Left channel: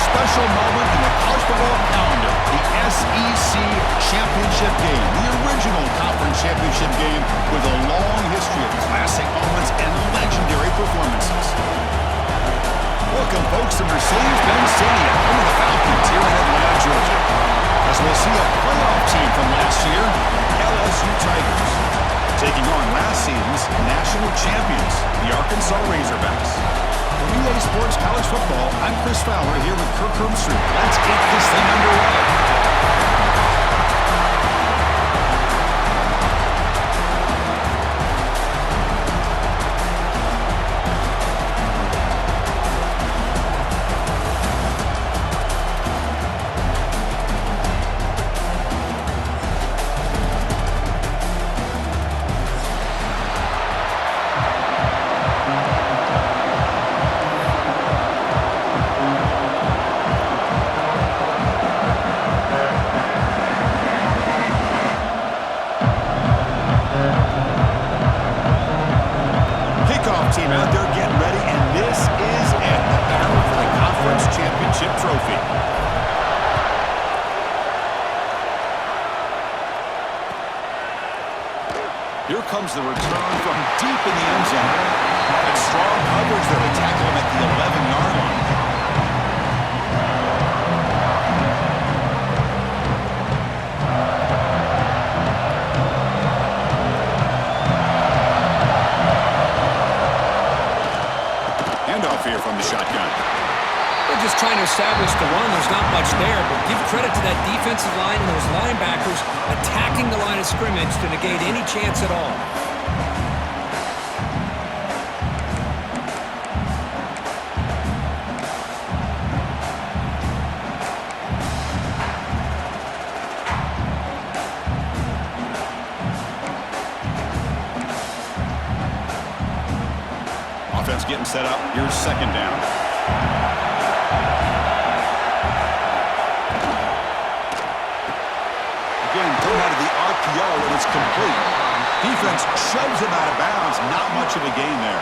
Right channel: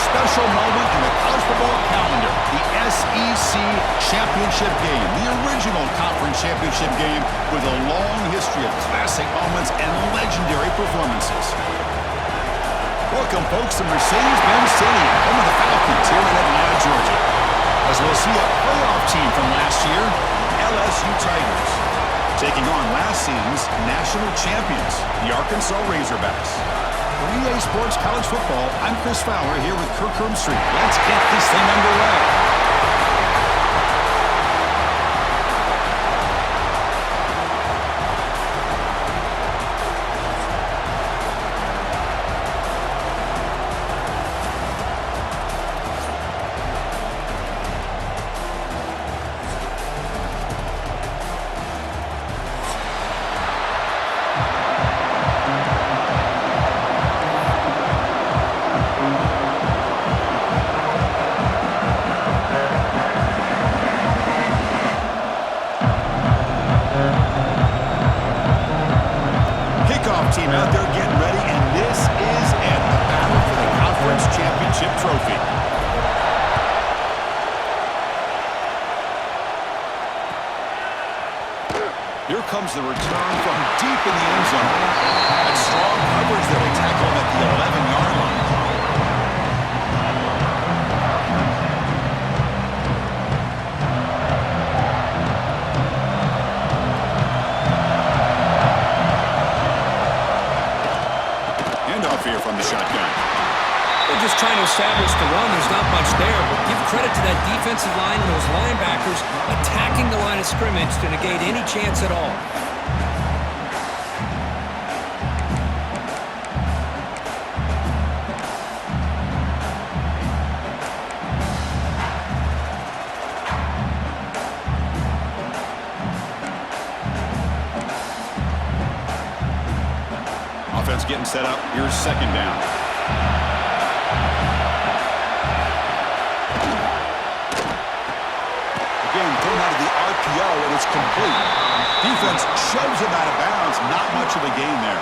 special moment in the college football calendar, the SEC Championship game, the original conference championship game with a long history of classic moments and legendary performances. Welcome, folks, to Mercedes-Benz Stadium, home of the Falcons here in Atlanta, Georgia. As we'll see a playoff team from last year, LSU Tigers, taking on last season's national champions, the Arkansas Razorbacks. For EA Sports College Football, I'm Chris Fowler here with Kirk Herbstreit. Let's get this thing underway. Team out there getting ready, and this is it, the battle for the conference championship trophy. Here comes the return from deep in the end zone. That strong coverage there, they tackle him at the 11-yard line. Here from the shotgun. They're just trying to establish the run. There's not much there, but give credit to that defensive line and those linebackers attacking the line of scrimmage to negate any chance at all. Offense getting set up. Here's second down. Again, thrown out of the RPO, and it's complete. Defense shoves him out of bounds. Not much of a gain there.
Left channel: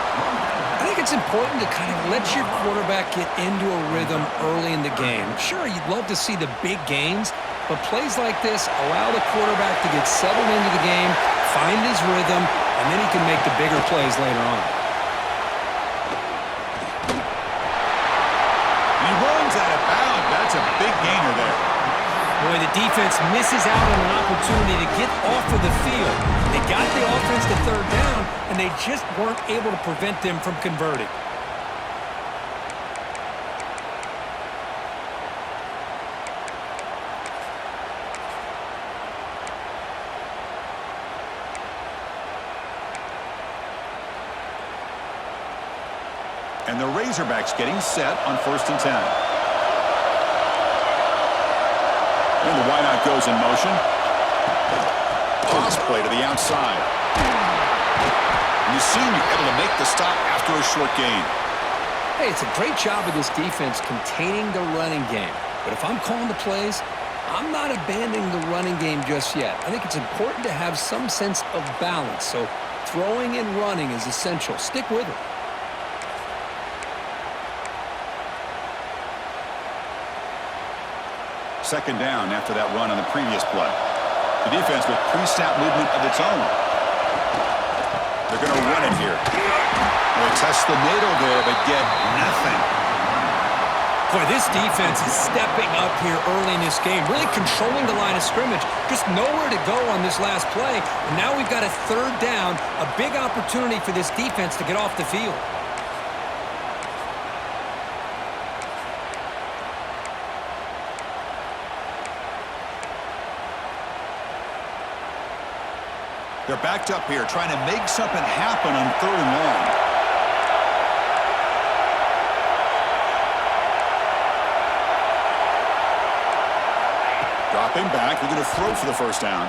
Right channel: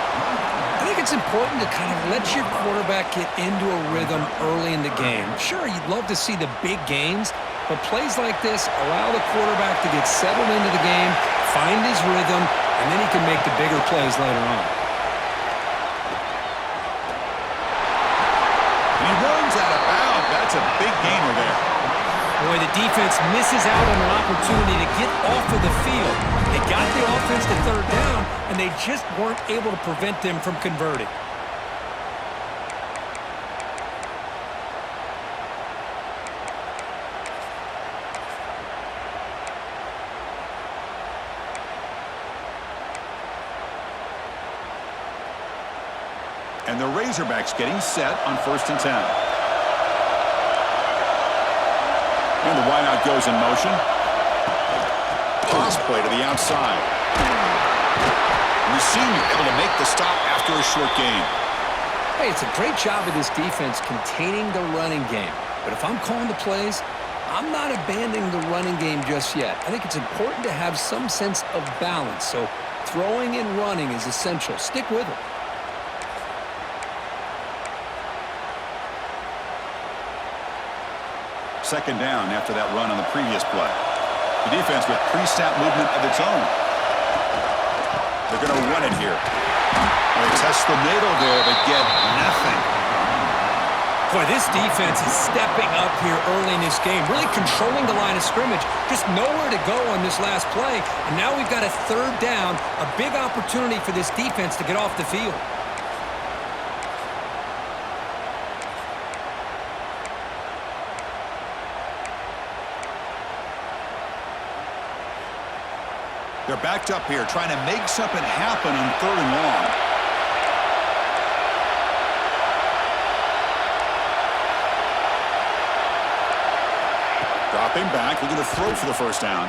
I think it's important to kind of let your quarterback get into a rhythm early in the game. Sure, you'd love to see the big gains, but plays like this allow the quarterback to get settled into the game, find his rhythm, and then he can make the bigger plays later on. He runs out of bounds. That's a big gainer there. Boy, the defense misses out on an opportunity to get off of the field. They got the offense to third down, and they just weren't able to prevent them from converting. And the Razorbacks getting set on 1st and 10. And the wideout goes in motion. Toss play to the outside. And the senior able to make the stop after a short gain. Hey, it's a great job of this defense containing the running game. But if I'm calling the plays, I'm not abandoning the running game just yet. I think it's important to have some sense of balance. So throwing and running is essential. Stick with it. Second down after that run on the previous play. The defense with pre-snap movement of its own. They're going to run it here. They test the middle there, but get nothing. Boy, this defense is stepping up here early in this game, really controlling the line of scrimmage. Just nowhere to go on this last play. And now we've got a third down, a big opportunity for this defense to get off the field. They're backed up here, trying to make something happen on 3rd and long. Dropping back, they're going to throw for the first down.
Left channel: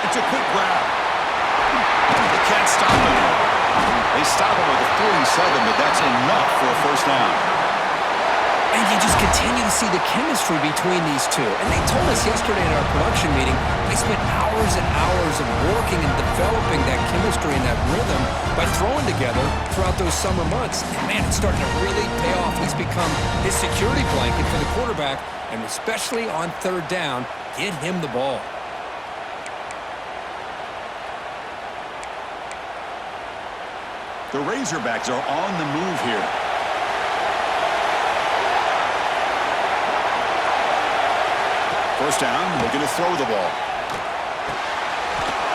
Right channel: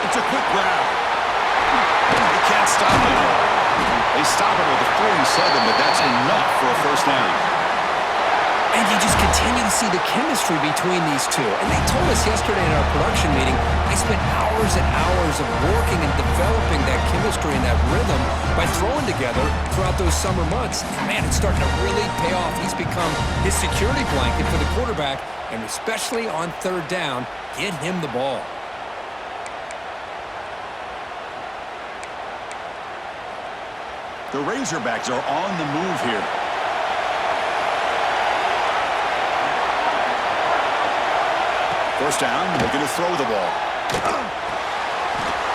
It's a quick grab. They can't stop him. They stop him with the 47, but that's enough for a first down. And you just continue to see the chemistry between these two. And they told us yesterday in our production meeting, they spent hours and hours of working and developing that chemistry and that rhythm by throwing together throughout those summer months. And man, it's starting to really pay off. He's become his security blanket for the quarterback, and especially on third down, get him the ball. The Razorbacks are on the move here. First down, looking to throw the ball.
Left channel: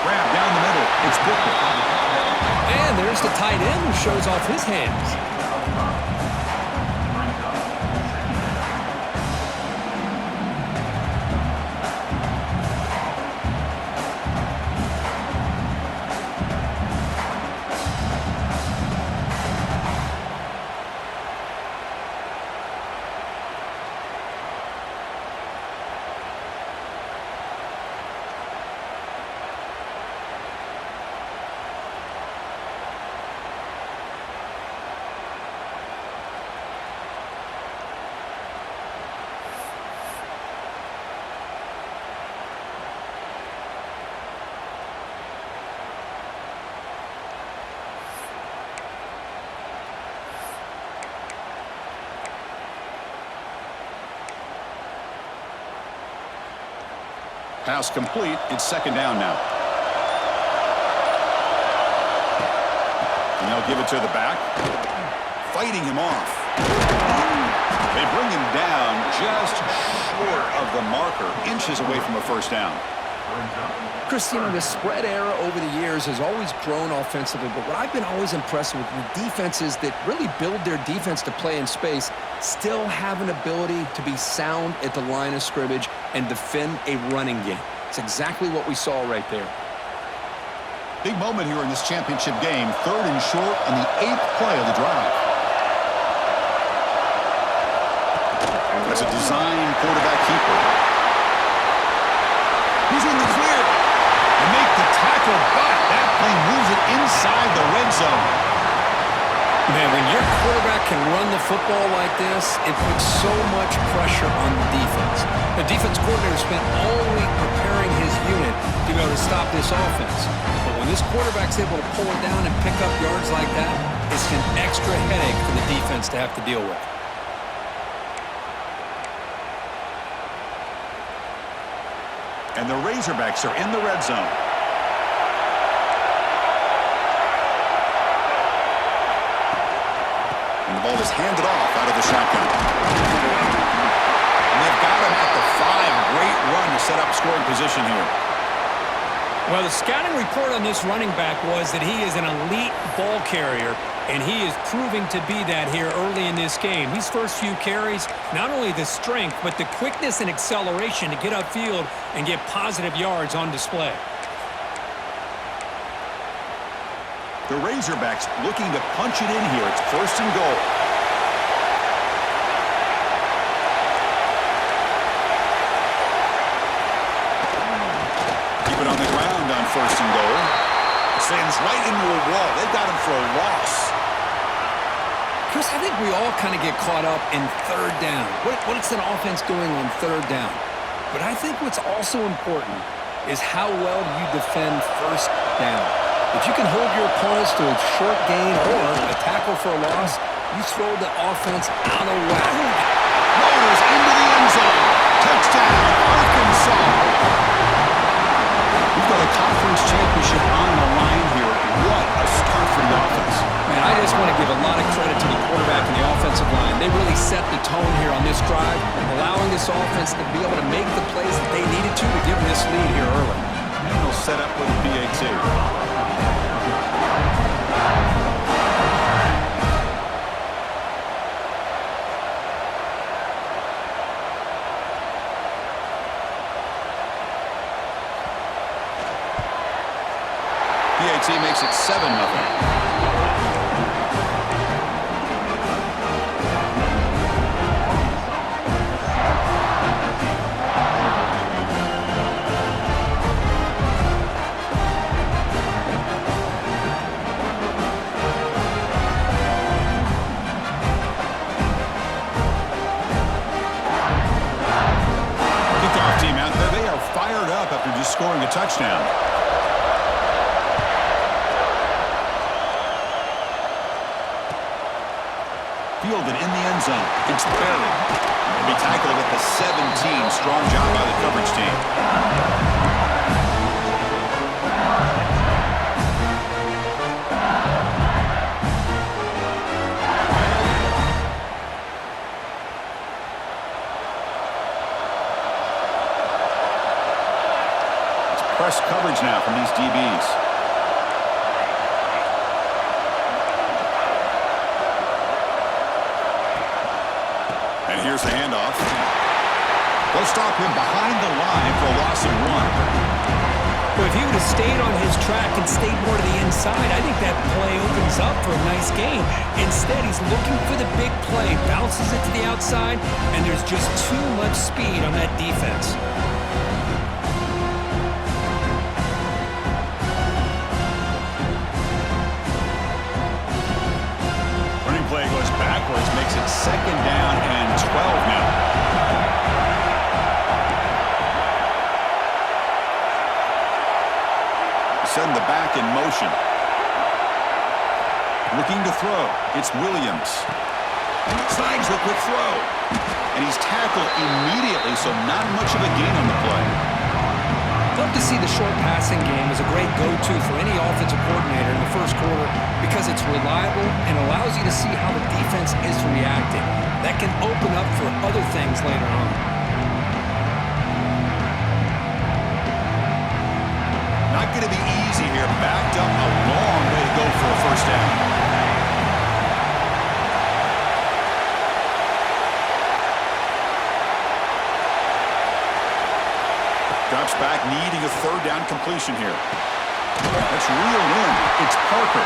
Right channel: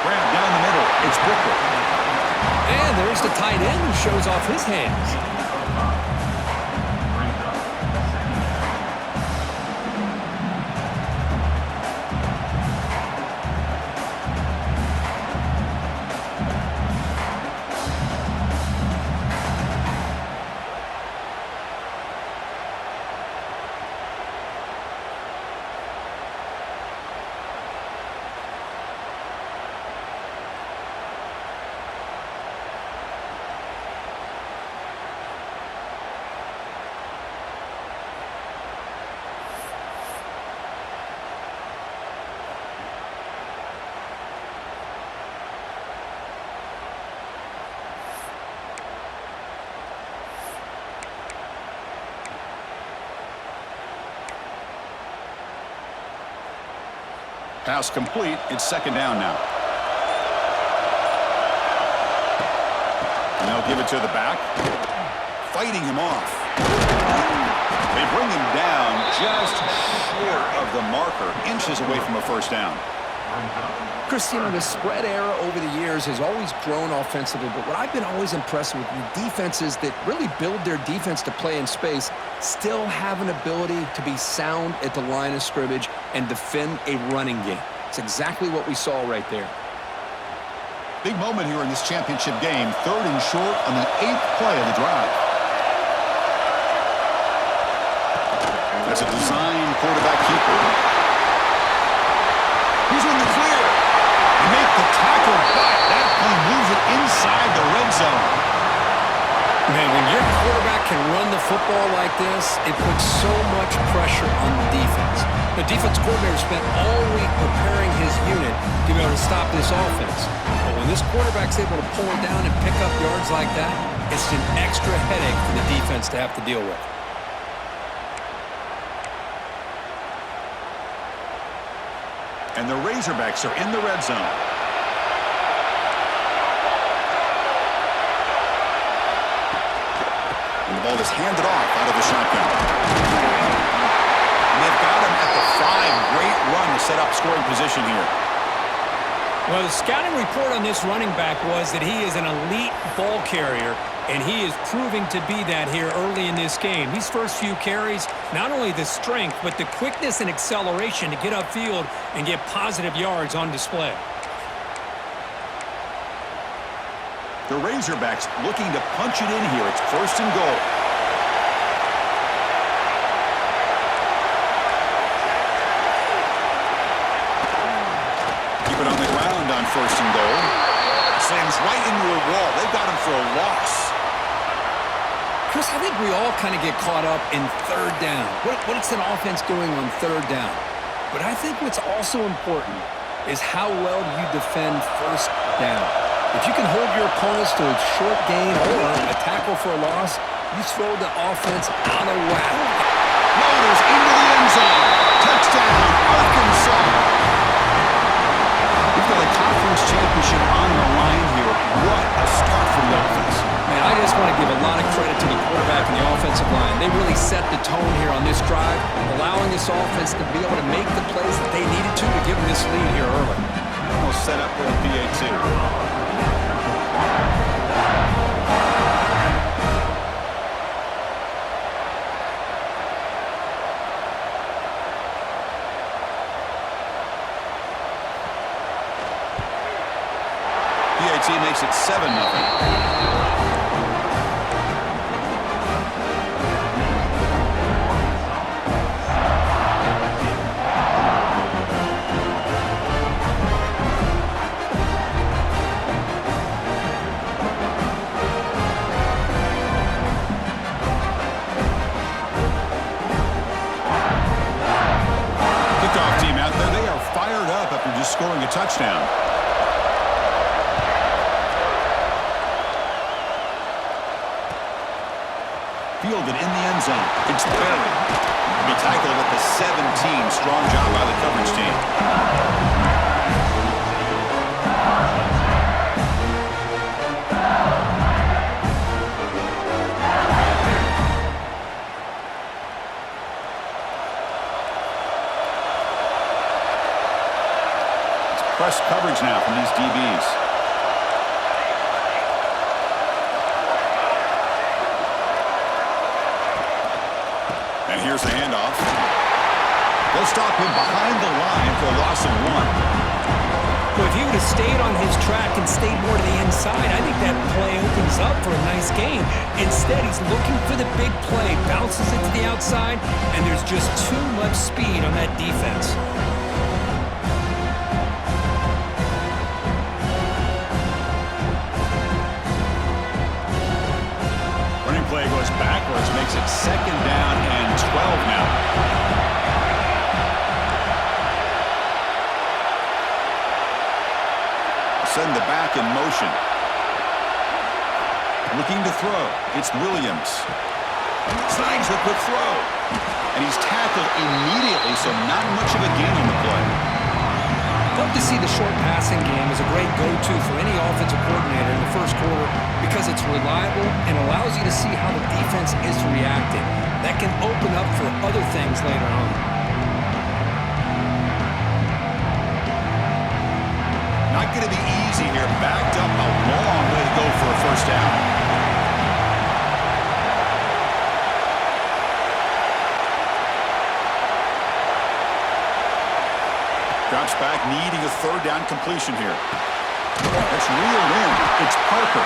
Grab down the middle. It's Booker. And there's the tight end who shows off his hands. Pass complete. It's second down now. And they'll give it to the back. Fighting him off. They bring him down just short of the marker, inches away from a first down. Chris, the spread era over the years has always grown offensively, but what I've been always impressed with the defenses that really build their defense to play in space still have an ability to be sound at the line of scrimmage and defend a running game. It's exactly what we saw right there. Big moment here in this championship game. Third and short on the 8th play of the drive. That's a design quarterback keeper. He's in the clear. They make the tackle, but that play moves it inside the red zone. Man, when your quarterback can run the football like this, it puts so much pressure on the defense. The defense coordinator spent all week preparing his unit to be able to stop this offense. But when this quarterback's able to pull it down and pick up yards like that, it's an extra headache for the defense to have to deal with. And the Razorbacks are in the red zone. And the ball is handed off out of the shotgun. And they've got him at the 5. Great run to set up scoring position here. Well, the scouting report on this running back was that he is an elite ball carrier, and he is proving to be that here early in this game. These first few carries, not only the strength, but the quickness and acceleration to get upfield and get positive yards on display. The Razorbacks looking to punch it in here. It's first and goal. Keep it on the ground on first and goal. Slams right into a wall. They've got him for a loss. Chris, I think we all kind of get caught up in third down. What's an offense doing on third down? But I think what's also important is how well you defend first down. If you can hold your opponents to a short gain or a tackle for a loss, you throw the offense out of whack. Motors into the end zone. Touchdown, Arkansas. We've got a conference championship on the line here. What a start for the offense. Man, I just want to give a lot of credit to the quarterback and the offensive line. They really set the tone here on this drive, allowing this offense to be able to make the plays that they needed to give them this lead here early. And they'll set up with a PAT. PAT makes it 7-0. fired up after just scoring a touchdown. Fielded in the end zone. It's Berry. He'll be tackled at the 17. Strong job by the coverage team. It's press coverage now from these DBs. And here's the handoff. They'll stop him behind the line for a loss of 1. Well, if he would have stayed on his track and stayed more to the inside, I think that play opens up for a nice game. Instead, he's looking for the big play, bounces it to the outside, and there's just too much speed on that defense. Play goes backwards, makes it 2nd down and 12 now. Send the back in motion. Looking to throw. It's Williams. Snags the quick throw. And he's tackled immediately, so not much of a gain on the play. Love to see the short passing game as a great go-to for any offensive coordinator in the first quarter because it's reliable and allows you to see how the defense is reacting. That can open up for other things later on. Not going to be easy here. Backed up a long way to go for a first down. Drops back, needing a 3rd down completion here. That's reeled in. It's Parker.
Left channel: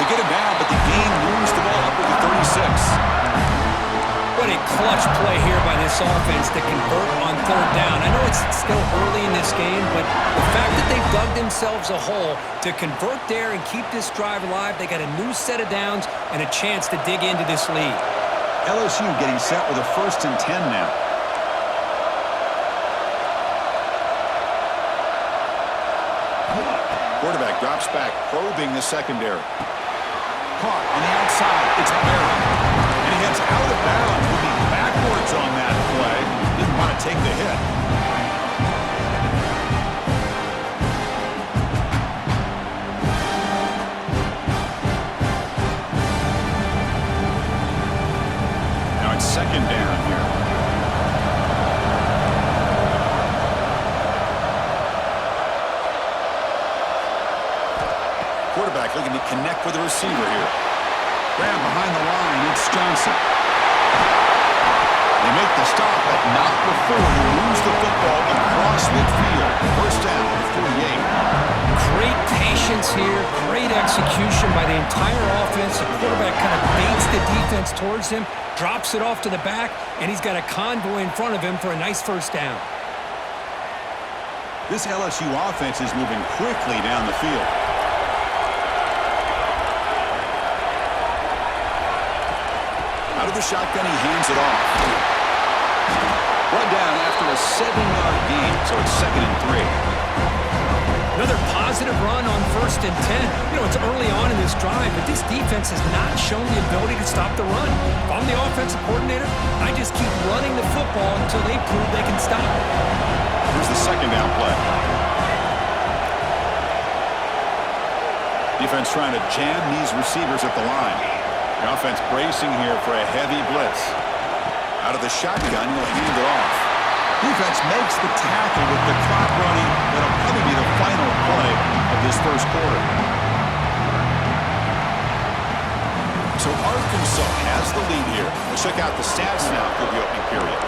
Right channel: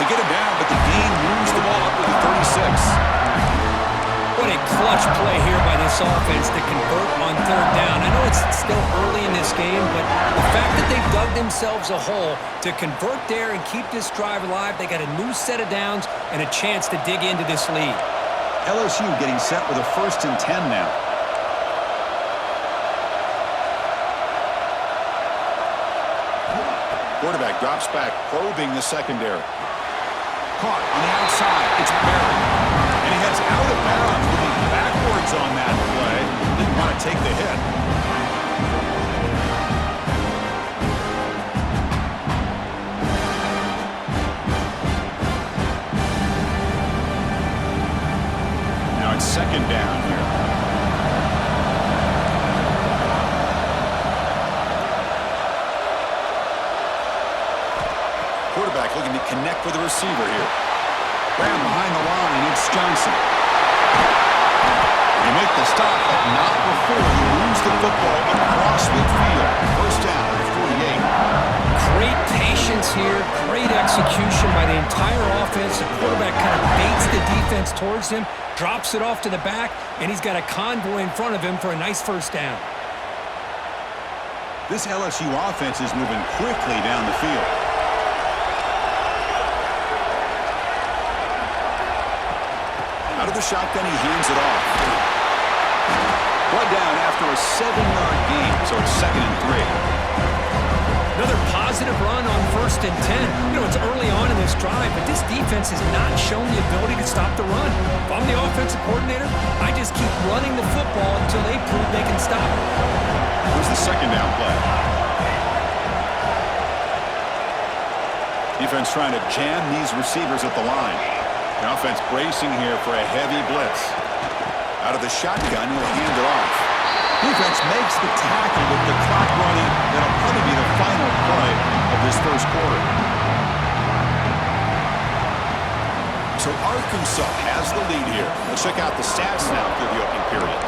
They get him down, but the gain moves the ball up to the 36. What a clutch play here by this offense to convert on 3rd down. I know it's still early in this game, but the fact that they've dug themselves a hole to convert there and keep this drive alive, they got a new set of downs and a chance to dig into this lead. LSU getting set with a 1st and 10 now. Quarterback drops back, probing the secondary. Caught on the outside. It's Berry. And he heads out of bounds, moving backwards on that play. Didn't want to take the hit. Now it's 2nd down here. Quarterback looking to connect with the receiver here. Graham behind the line. It's Johnson. They make the stop, but not before he moves the football across midfield. First down at the 48. Great patience here. Great execution by the entire offense. The quarterback kind of baits the defense towards him, drops it off to the back, and he's got a convoy in front of him for a nice first down. This LSU offense is moving quickly down the field. Out of the shotgun, he hands it off. Blood down after a 7-yard gain, so it's 2nd and 3. Another positive run on 1st and 10. You know, it's early on in this drive, but this defense has not shown the ability to stop the run. If I'm the offensive coordinator, I just keep running the football until they prove they can stop it. Here's the 2nd down play. Defense trying to jam these receivers at the line. The offense bracing here for a heavy blitz. Out of the shotgun, he'll hand it off. Defense makes the tackle with the clock running. That'll probably be the final play of this first quarter. So Arkansas has the lead here. Let's check out the stats now through the opening period.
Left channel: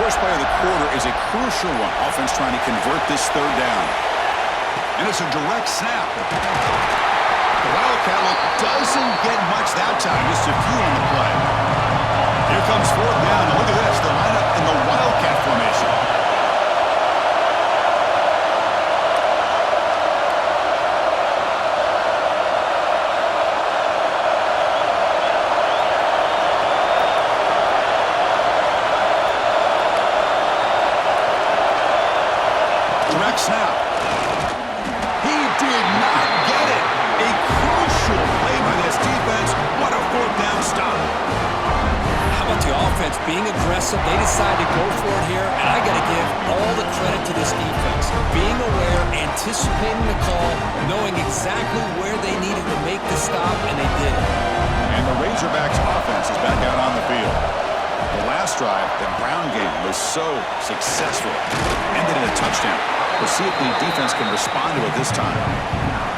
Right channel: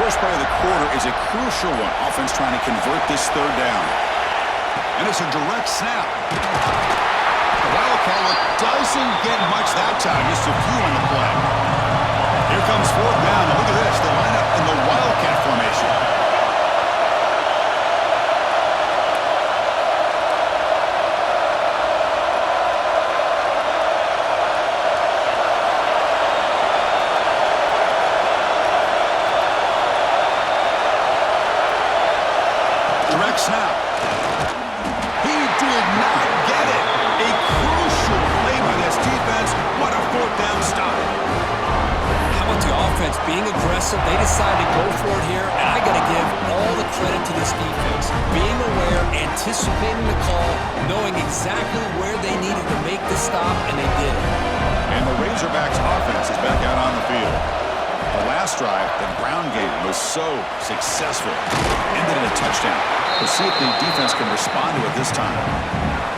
First play of the quarter is a crucial one. Offense trying to convert this 3rd down. And it's a direct snap. The Wildcat look doesn't get much that time. Just a few on the play. Here comes fourth down, and look at this. The lineup in the Wildcat formation. Direct snap. He did not get it. A crucial play by this defense. What a fourth down stop. How about the offense being aggressive? They decided to go for it here, and I got to give all the credit to this defense. Being aware, anticipating the call, knowing exactly where they needed to make the stop, and they did it. And the Razorbacks offense is back out on the field. The last drive, the ground game was so successful. Ended in a touchdown. We'll see if the defense can respond to it this time.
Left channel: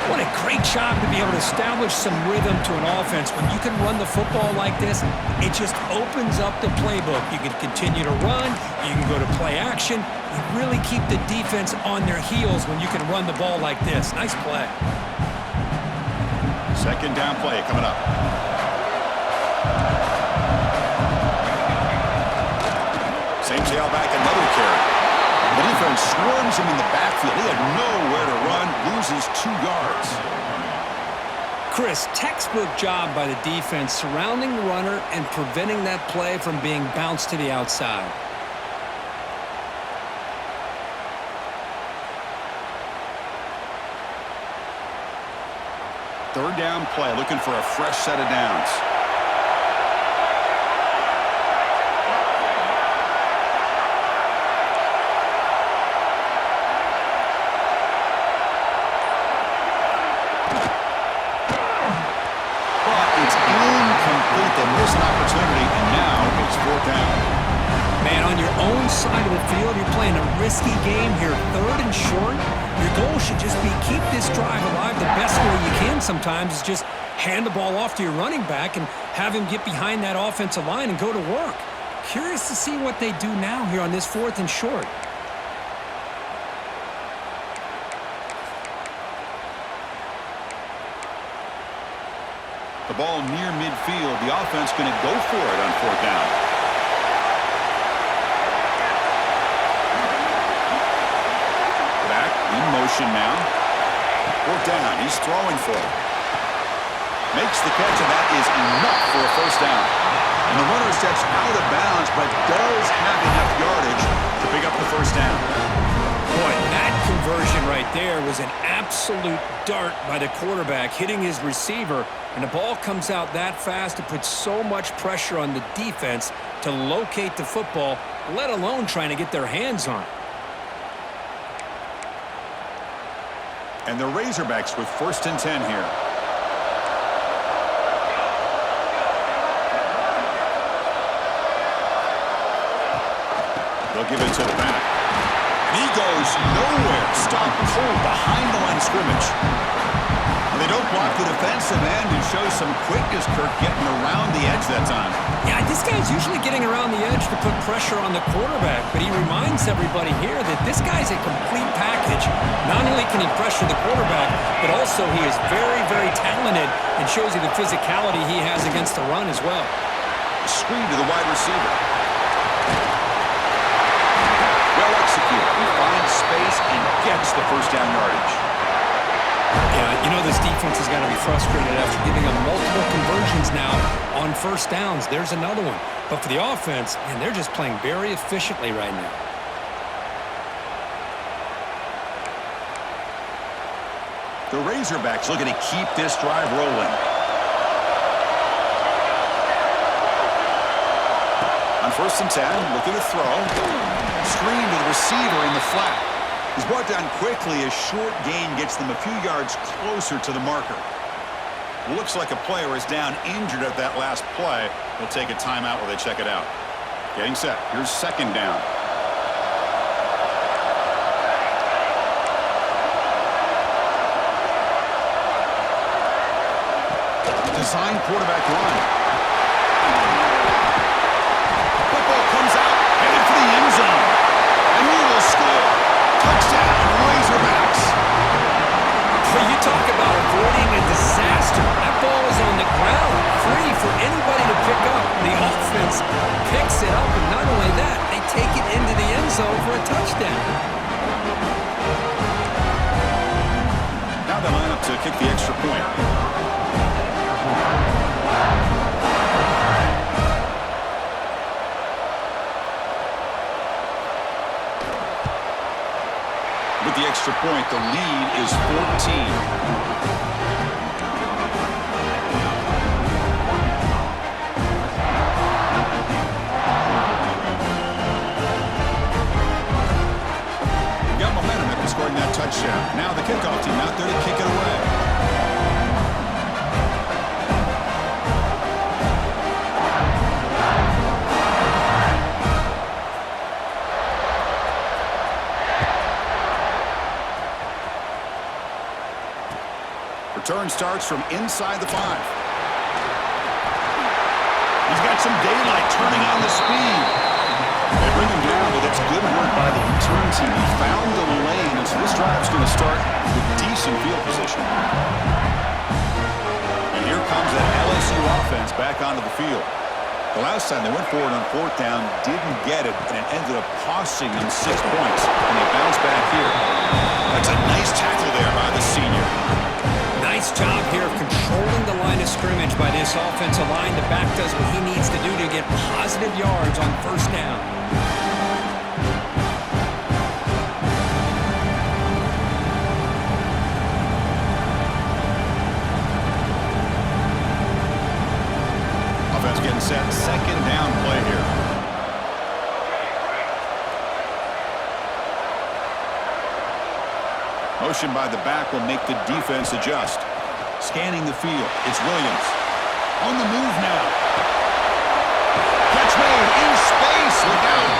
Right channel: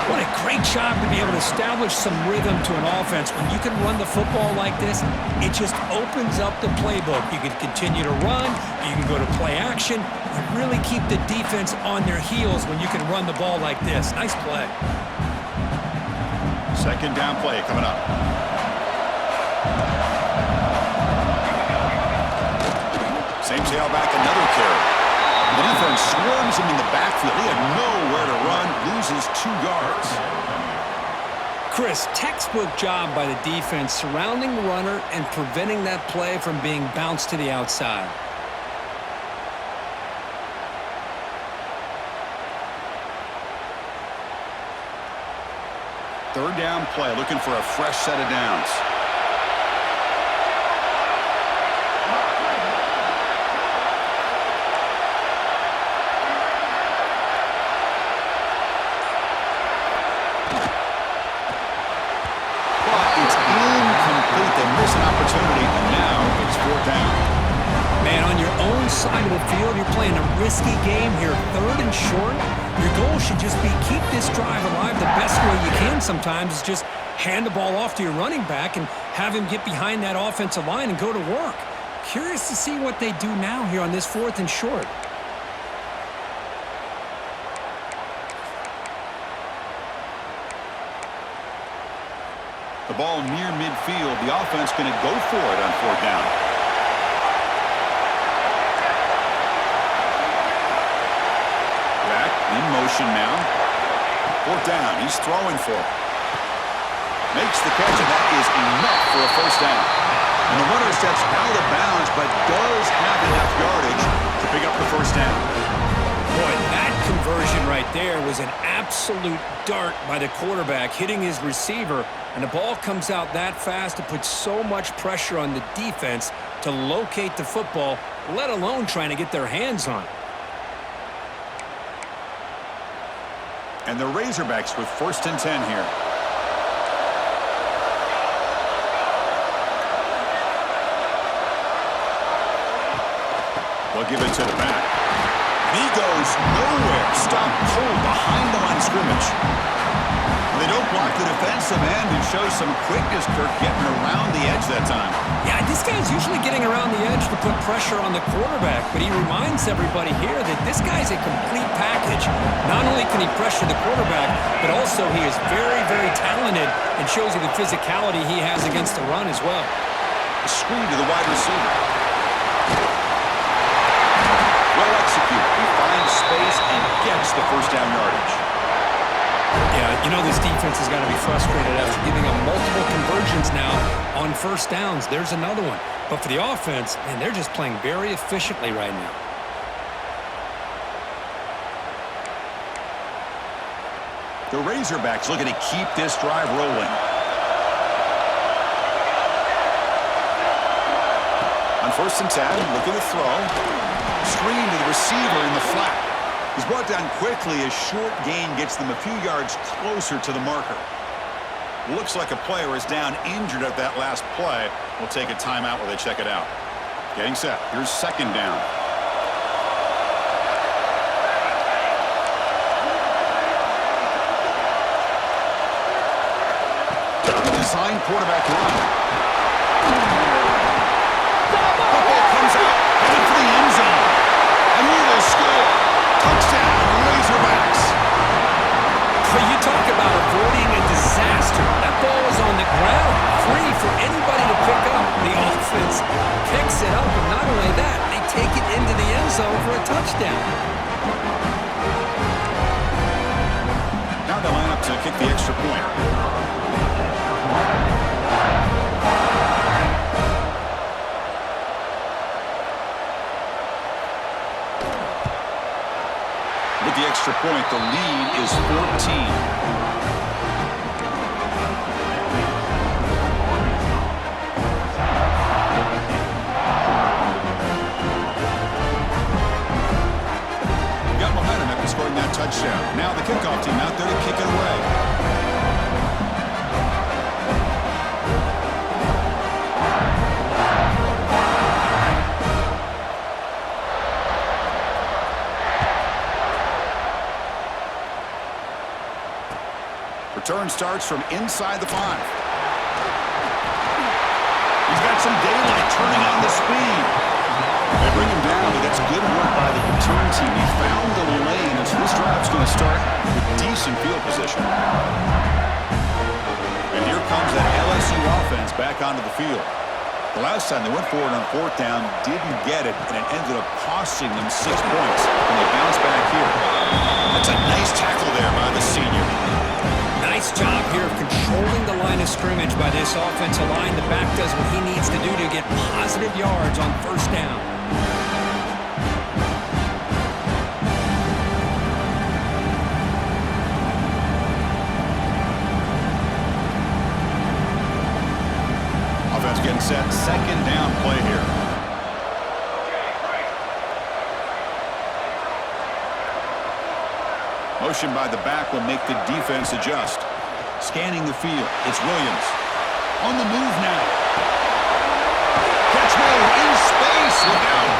What a great job to be able to establish some rhythm to an offense. When you can run the football like this, it just opens up the playbook. You can continue to run. You can go to play action. You really keep the defense on their heels when you can run the ball like this. Nice play. Second down play coming up. Same tailback, another carry. The defense swarms him in the backfield. He had nowhere to run, loses 2 yards. Chris, textbook job by the defense surrounding the runner and preventing that play from being bounced to the outside. Third down play, looking for a fresh set of downs. It's incomplete. They miss an opportunity, and now it's fourth down. Man, on your own side of the field, you're playing a risky game here. Third and short. Your goal should just be keep this drive alive the best way you can sometimes is just hand the ball off to your running back and have him get behind that offensive line and go to work. Curious to see what they do now here on this fourth and short. The ball near midfield. The offense going to go for it on fourth down. Back in motion now. Fourth down. He's throwing for it. Makes the catch, and that is enough for a first down. And the runner steps out of bounds, but does have enough yardage to pick up the first down. Boy, that conversion right there was an absolute dart by the quarterback, hitting his receiver, and the ball comes out that fast. It puts so much pressure on the defense to locate the football, let alone trying to get their hands on it. And the Razorbacks with first and 10 here. They'll give it to the back. And he goes nowhere. Stopped cold behind the line of scrimmage. Well, they don't block the defensive end and show some quickness, Kirk, getting around the edge that time. Yeah, this guy's usually getting around the edge to put pressure on the quarterback, but he reminds everybody here that this guy's a complete package. Not only can he pressure the quarterback, but also he is very, very talented and shows you the physicality he has against the run as well. A screen to the wide receiver. Well executed. He finds space and gets the first down yardage. Yeah, you know this defense has got to be frustrated after giving them multiple conversions now on first downs. There's another one. But for the offense, man, they're just playing very efficiently right now. The Razorbacks looking to keep this drive rolling. On first and 10, look at the throw. Screen to the receiver in the flat. He's brought down quickly. A short gain gets them a few yards closer to the marker. Looks like a player is down injured at that last play. We'll take a timeout while they check it out. Getting set. Here's second down. Design quarterback run. Football comes out, headed for the end zone. And he will score. Touchdown, Razorbacks. But you talk about avoiding a disaster. That ball was on the ground, free for anybody to pick up. The offense picks it up, and not only that, they take it into the end zone for a touchdown. Now they line up to kick the extra point. With the extra point, the lead is 14. Scoring that touchdown. Now the kickoff team out there to kick it away. Return starts from inside the 5. He's got some daylight turning on the speed. They bring him down, but that's good work by the return team. He found the lane, and so this drive's going to start with decent field position. And here comes that LSU offense back onto the field. The last time they went forward on 4th down, didn't get it, and it ended up costing them 6 points. And they bounce back here. That's a nice tackle there by the senior. Nice job here of controlling the line of scrimmage by this offensive line. The back does what he needs to do to get positive yards on 1st down. Offense getting set. 2nd down play here. Motion by the back will make the defense adjust. Scanning the field. It's Williams. On the move now. Catch made in space. Look out.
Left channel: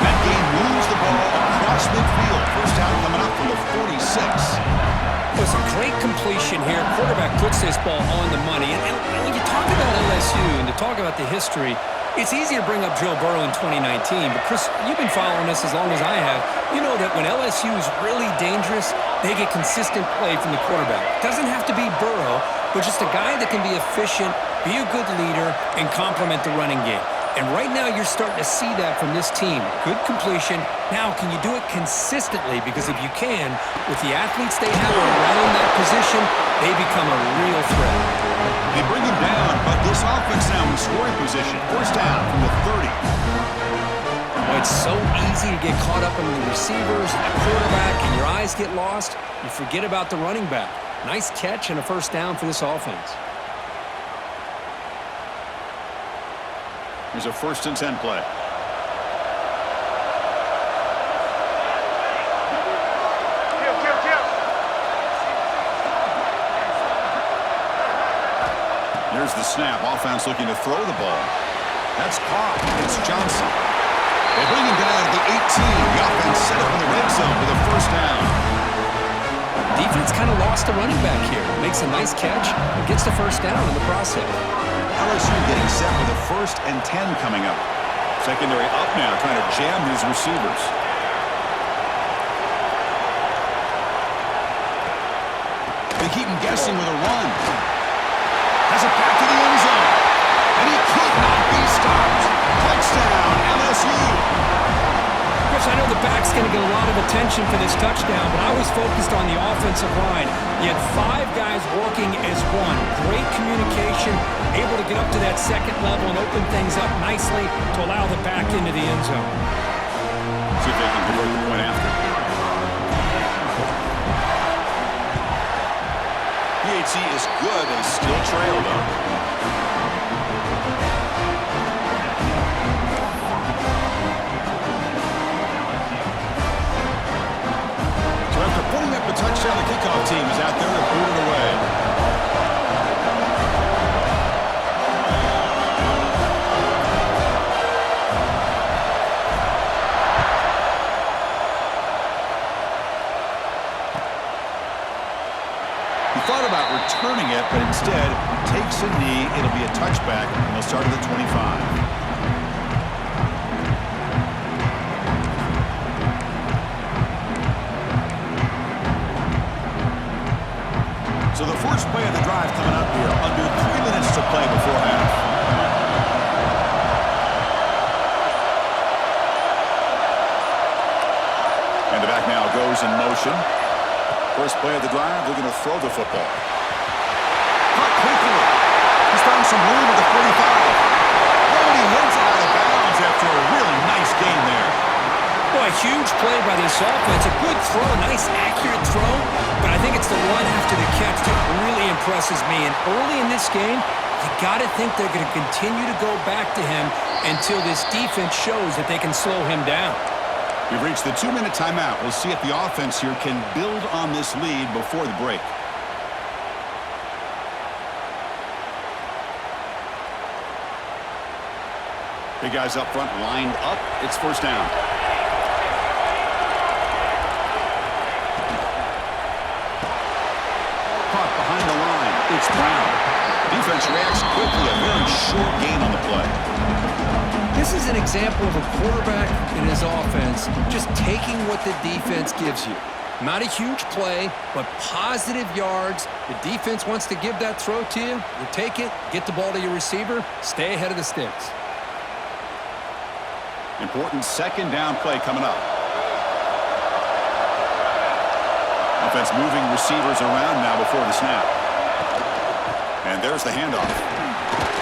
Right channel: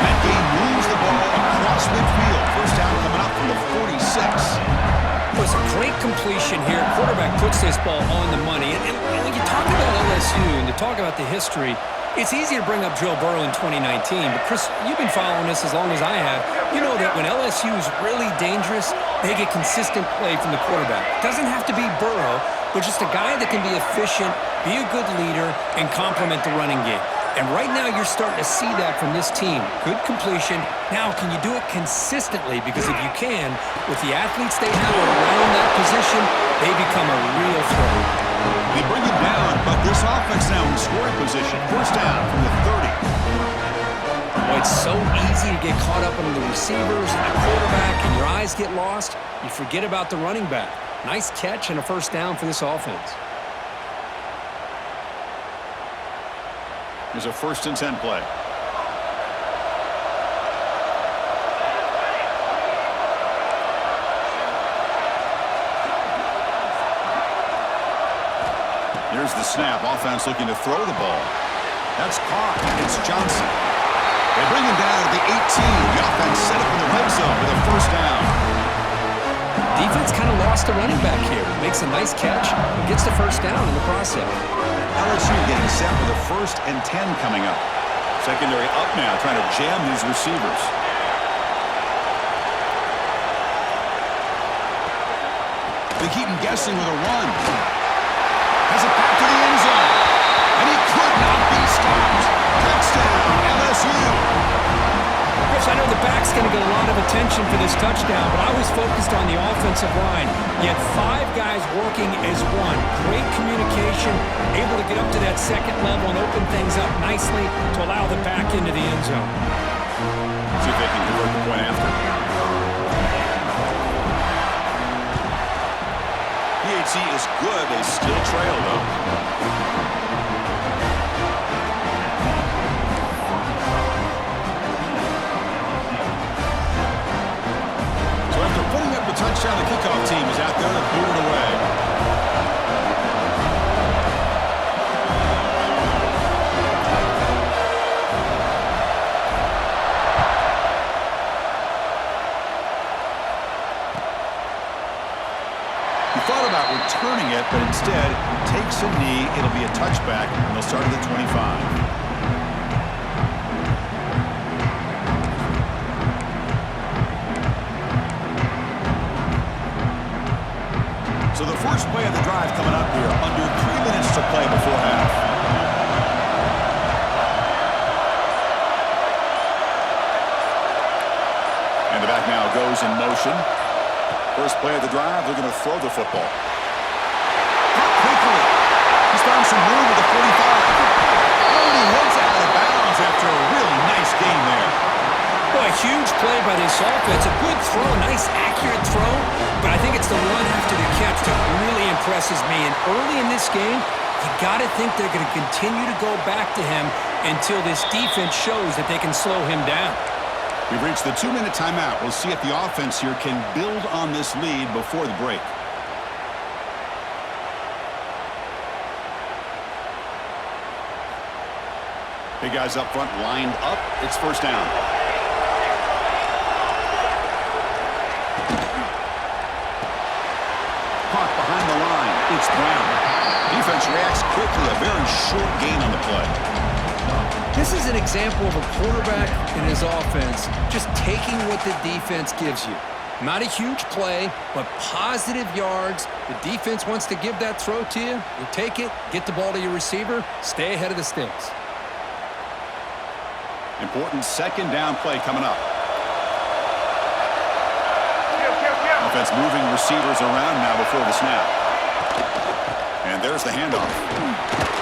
That game moves the ball across midfield. 1st down coming up from the 46. It was a great completion here. Quarterback puts this ball on the money. And when you talk about LSU and to talk about the history, it's easy to bring up Joe Burrow in 2019, but Chris, you've been following this as long as I have. You know that when LSU is really dangerous, they get consistent play from the quarterback. Doesn't have to be Burrow, but just a guy that can be efficient, be a good leader, and complement the running game. And right now you're starting to see that from this team. Good completion. Now, can you do it consistently? Because if you can, with the athletes they have around that position, they become a real threat. They bring him down, but this offense now in scoring position. 1st down from the 30. Boy, it's so easy to get caught up in the receivers and the quarterback, and your eyes get lost. You forget about the running back. Nice catch and a 1st down for this offense. Here's a 1st and 10 play. Here's the snap. Offense looking to throw the ball. That's caught. It's Johnson. They bring him down at the 18. The offense set up in the red zone with a 1st down. Defense kind of lost the running back here. Makes a nice catch and gets the 1st down in the process. LSU getting set with a 1st and 10 coming up. Secondary up now, trying to jam these receivers. They keep him guessing with a run. Has it back to the end zone. And he could not be stopped. Touchdown, LSU. Chris, I know the back's going to get a lot of attention for this touchdown, but I was focused on the offensive line. You had 5 guys working as one. Great communication, able to get up to that 2nd level and open things up nicely to allow the back into the end zone. See if they can convert the point after. PHC is good. They still trail, though. After putting up the touchdown, the kickoff team is out there to boot it away. He thought about returning it, but instead takes a knee. It'll be a touchback, and they'll start at the 25. So the First play of the drive coming up here. Under 3 minutes to play before half. And the back now goes in motion. First play of the drive, they're going to throw the football. Caught quickly. He's found some room at the 45. Oh, and he heads out of bounds after a really nice gain there. Boy, huge play by this offense. A good throw, nice accurate throw. But I think it's the run after the catch that really impresses me. And early in this game, you got to think they're going to continue to go back to him until this defense shows that they can slow him down. We've reached the 2-minute timeout. We'll see if the offense here can build on this lead before the break. Big guys up front lined up. It's first down. Caught behind the line. It's Brown. Defense reacts quickly. A very short gain on the play. This is an example of a quarterback in his offense just taking what the defense gives you. Not a huge play, but positive yards. The defense wants to give that throw to you. You take it, get the ball to your receiver, stay ahead of the sticks. Important second down play coming up. Offense moving receivers around now before the snap. And there's the handoff.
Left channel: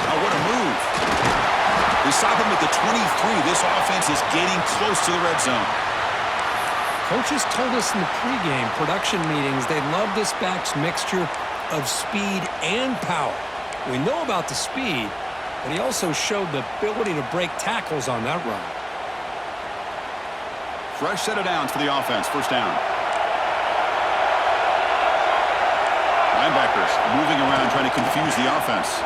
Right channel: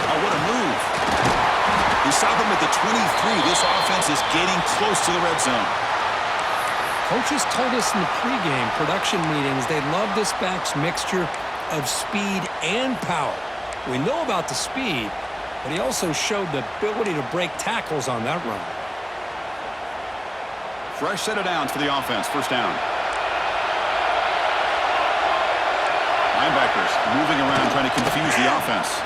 Oh, what a move. They stop him at the 23. This offense is getting close to the red zone. Coaches told us in the pregame production meetings they love this back's mixture of speed and power. We know about the speed, but he also showed the ability to break tackles on that run. Fresh set of downs for the offense. First down. Linebackers moving around trying to confuse the offense.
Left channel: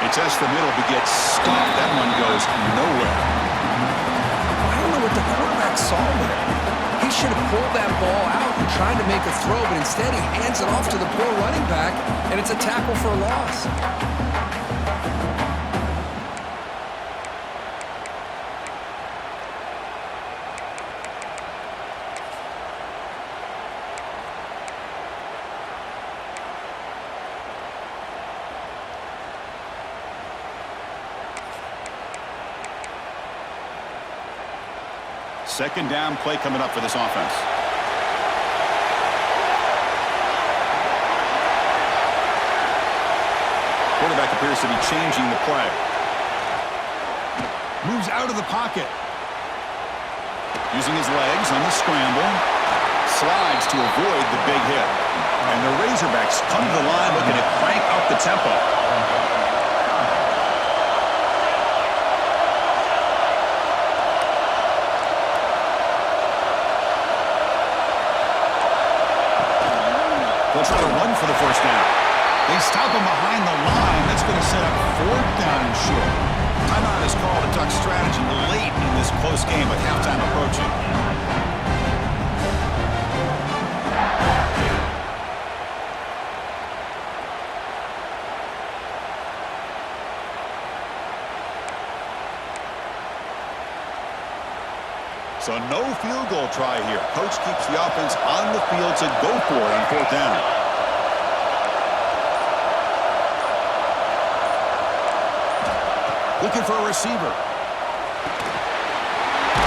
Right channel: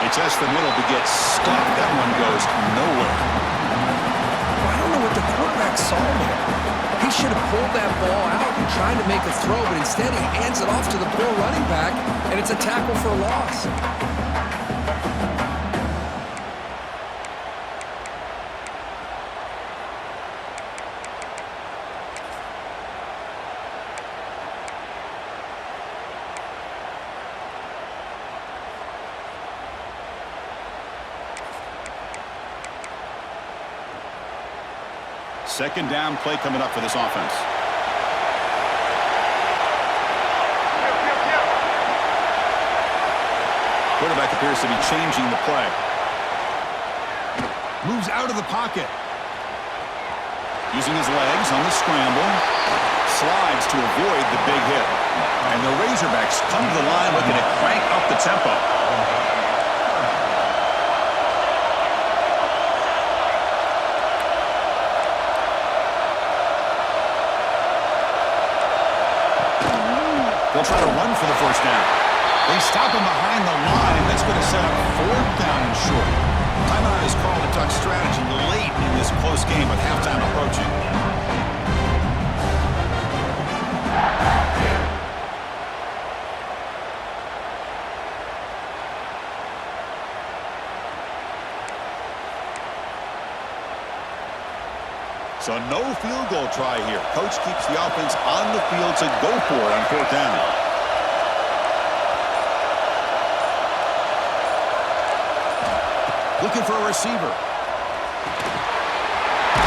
They test the middle but get stopped. That one goes nowhere. I don't know what the quarterback saw there. He should have pulled that ball out and tried to make a throw, but instead he hands it off to the poor running back, and it's a tackle for a loss. Second down play coming up for this offense. Quarterback appears to be changing the play. Moves out of the pocket. Using his legs on the scramble. Slides to avoid the big hit. And the Razorbacks come to the line looking to crank up the tempo. They'll try to run for the first down. They stop him behind the line. That's going to set up fourth down and short. Timeout is called to talk strategy late in this close game with halftime approaching. So no field goal try here. Coach keeps the offense on the field to go for it on fourth down. Looking for a receiver.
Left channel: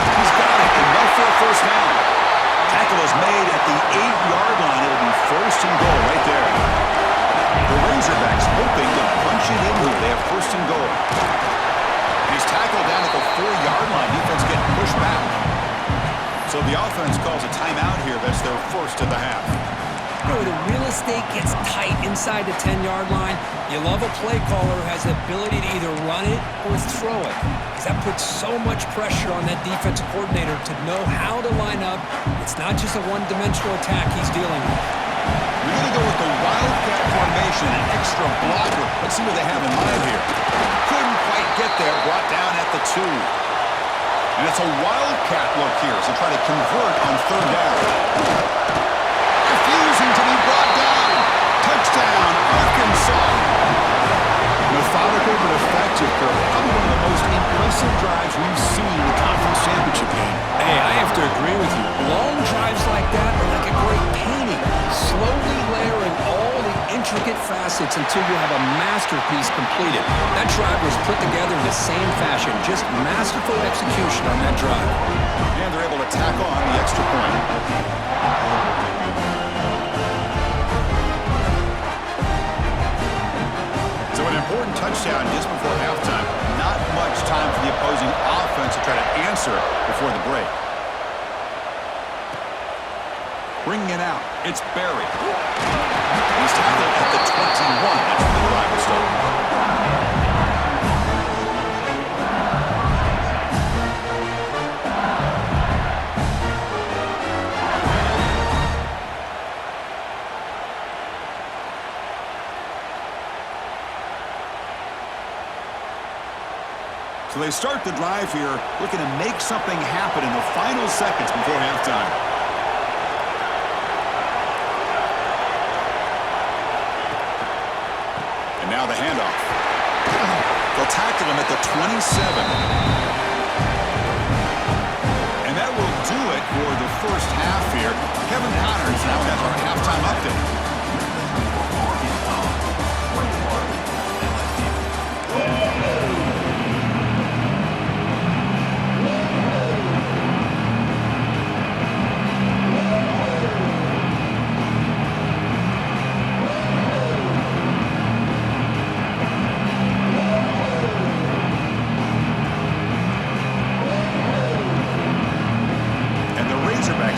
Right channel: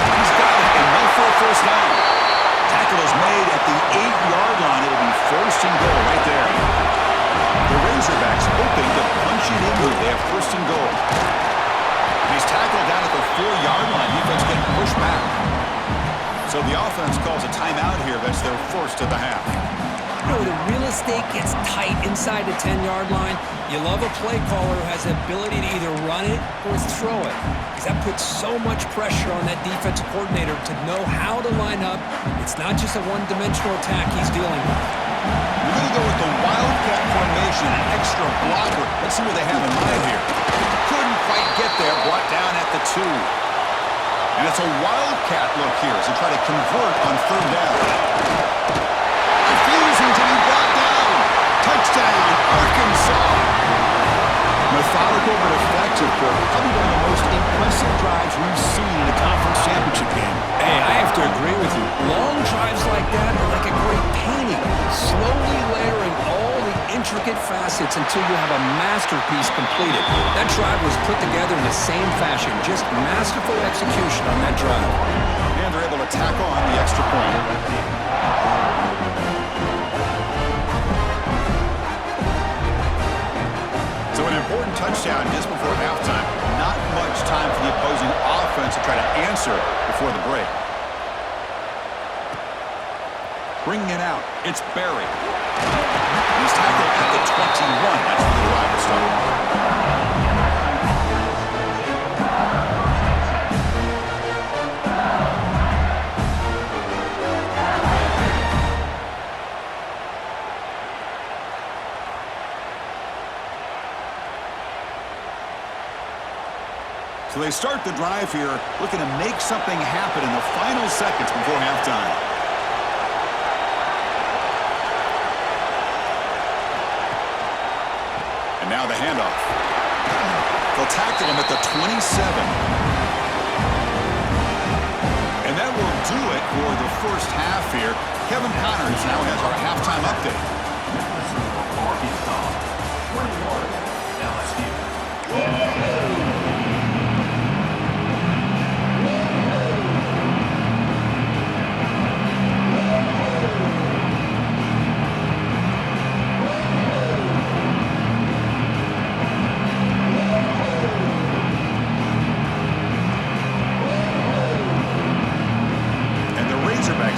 He's got it. Enough for a first down. Tackle is made at the 8-yard line. It'll be first and goal right there. The Razorbacks hoping to punch it in here. They have first and goal. And he's tackled down at the 4-yard line. Defense getting pushed back. So the offense calls a timeout here. That's their first of the half. You know, the real estate gets tight inside the 10-yard line. You love a play caller who has the ability to either run it or throw it, because that puts so much pressure on that defensive coordinator to know how to line up. It's not just a one-dimensional attack he's dealing with. We're going to go with the Wildcat formation, an extra blocker. Let's see what they have in mind here. Couldn't quite get there, brought down at the 2. And it's a Wildcat look here as they try to convert on third down. Refusing to be brought down. Touchdown, Arkansas. Methodical but effective, Kirk. Probably one of the most impressive drives we've seen in the conference championship game. Hey, I have to agree with you. Long drives like that are like a great painting, slowly layering all the intricate facets until you have a masterpiece completed. That drive was put together in the same fashion, just masterful execution on that drive. And they're able to tack on the extra point. So an important touchdown just before halftime. Not much time for the opposing offense to try to answer before the break. Bringing it out, it's Barry. He's tackled at the 21. That's where the drive will start. So they start the drive here, looking to make something happen in the final seconds before halftime. And now the handoff. They'll tackle him at the 27. And that will do it for the first half here. Kevin Connors now has our halftime update.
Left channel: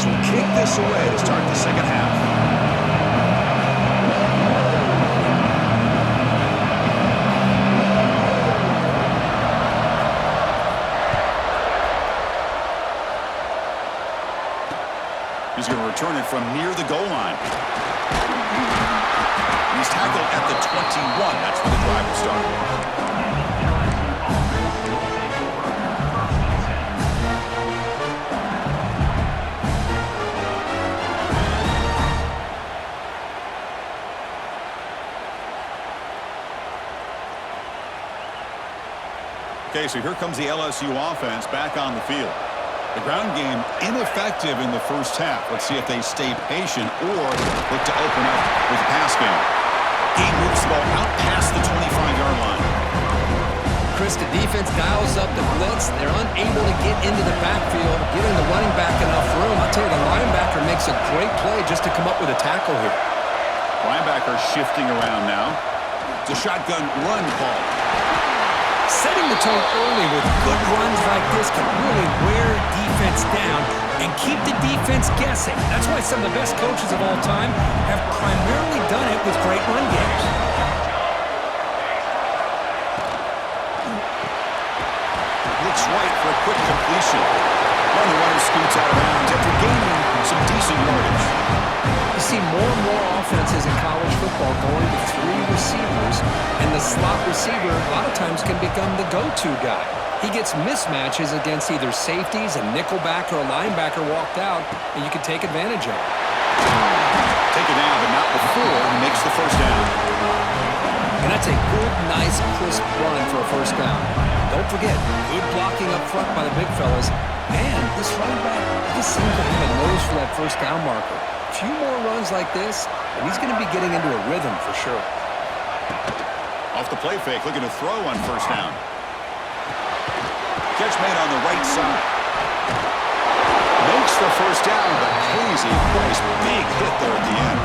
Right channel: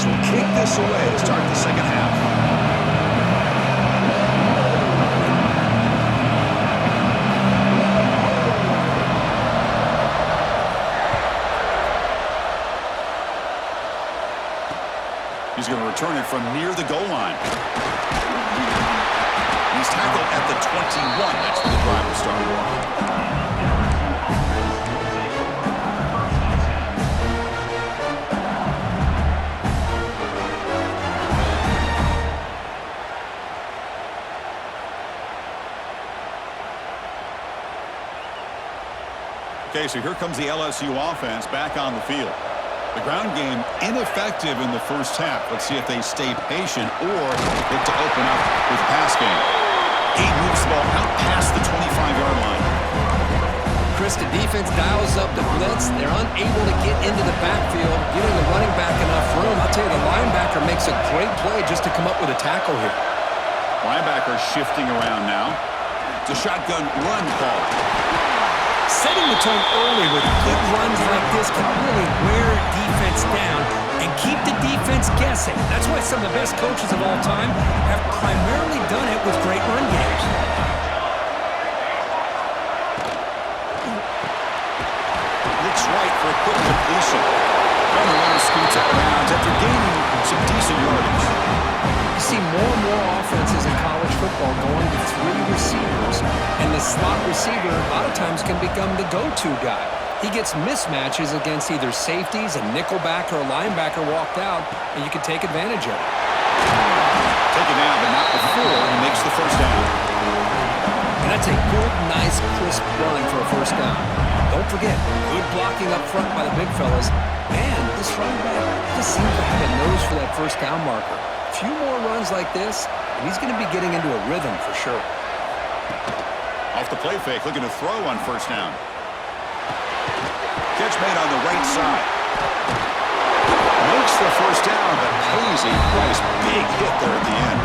Will kick this away to start the second half. He's going to return it from near the goal line. He's tackled at the 21. That's where the drive will start. Okay, so here comes the LSU offense back on the field. The ground game ineffective in the first half. Let's see if they stay patient or look to open up with the pass game. He moves the ball out past the 25-yard line. Chris, the defense dials up the blitz. They're unable to get into the backfield, giving the running back enough room. I'll tell you, the linebacker makes a great play just to come up with a tackle here. Linebacker shifting around now. It's a shotgun run call. Setting the tone early with good runs like this can really wear defense down and keep the defense guessing. That's why some of the best coaches of all time have primarily done it with great run games. Looks right for a quick completion. And the runner scoots out of bounds after gaining some decent yardage. You see more and more offenses in college football going to three receivers, and the slot receiver a lot of times can become the go-to guy. He gets mismatches against either safeties, a nickelback, or a linebacker walked out, and you can take advantage of it. Take it down, but not before he makes the first down. And that's a good, nice, crisp run for a first down. Don't forget, good blocking up front by the big fellas, and this running back just seems to have a nose for that first down marker. A few more runs like this, and he's going to be getting into a rhythm for sure. Off the play fake, looking to throw on first down. Catch made on the right side. Makes the first down, but pays a price. Big hit there at the end.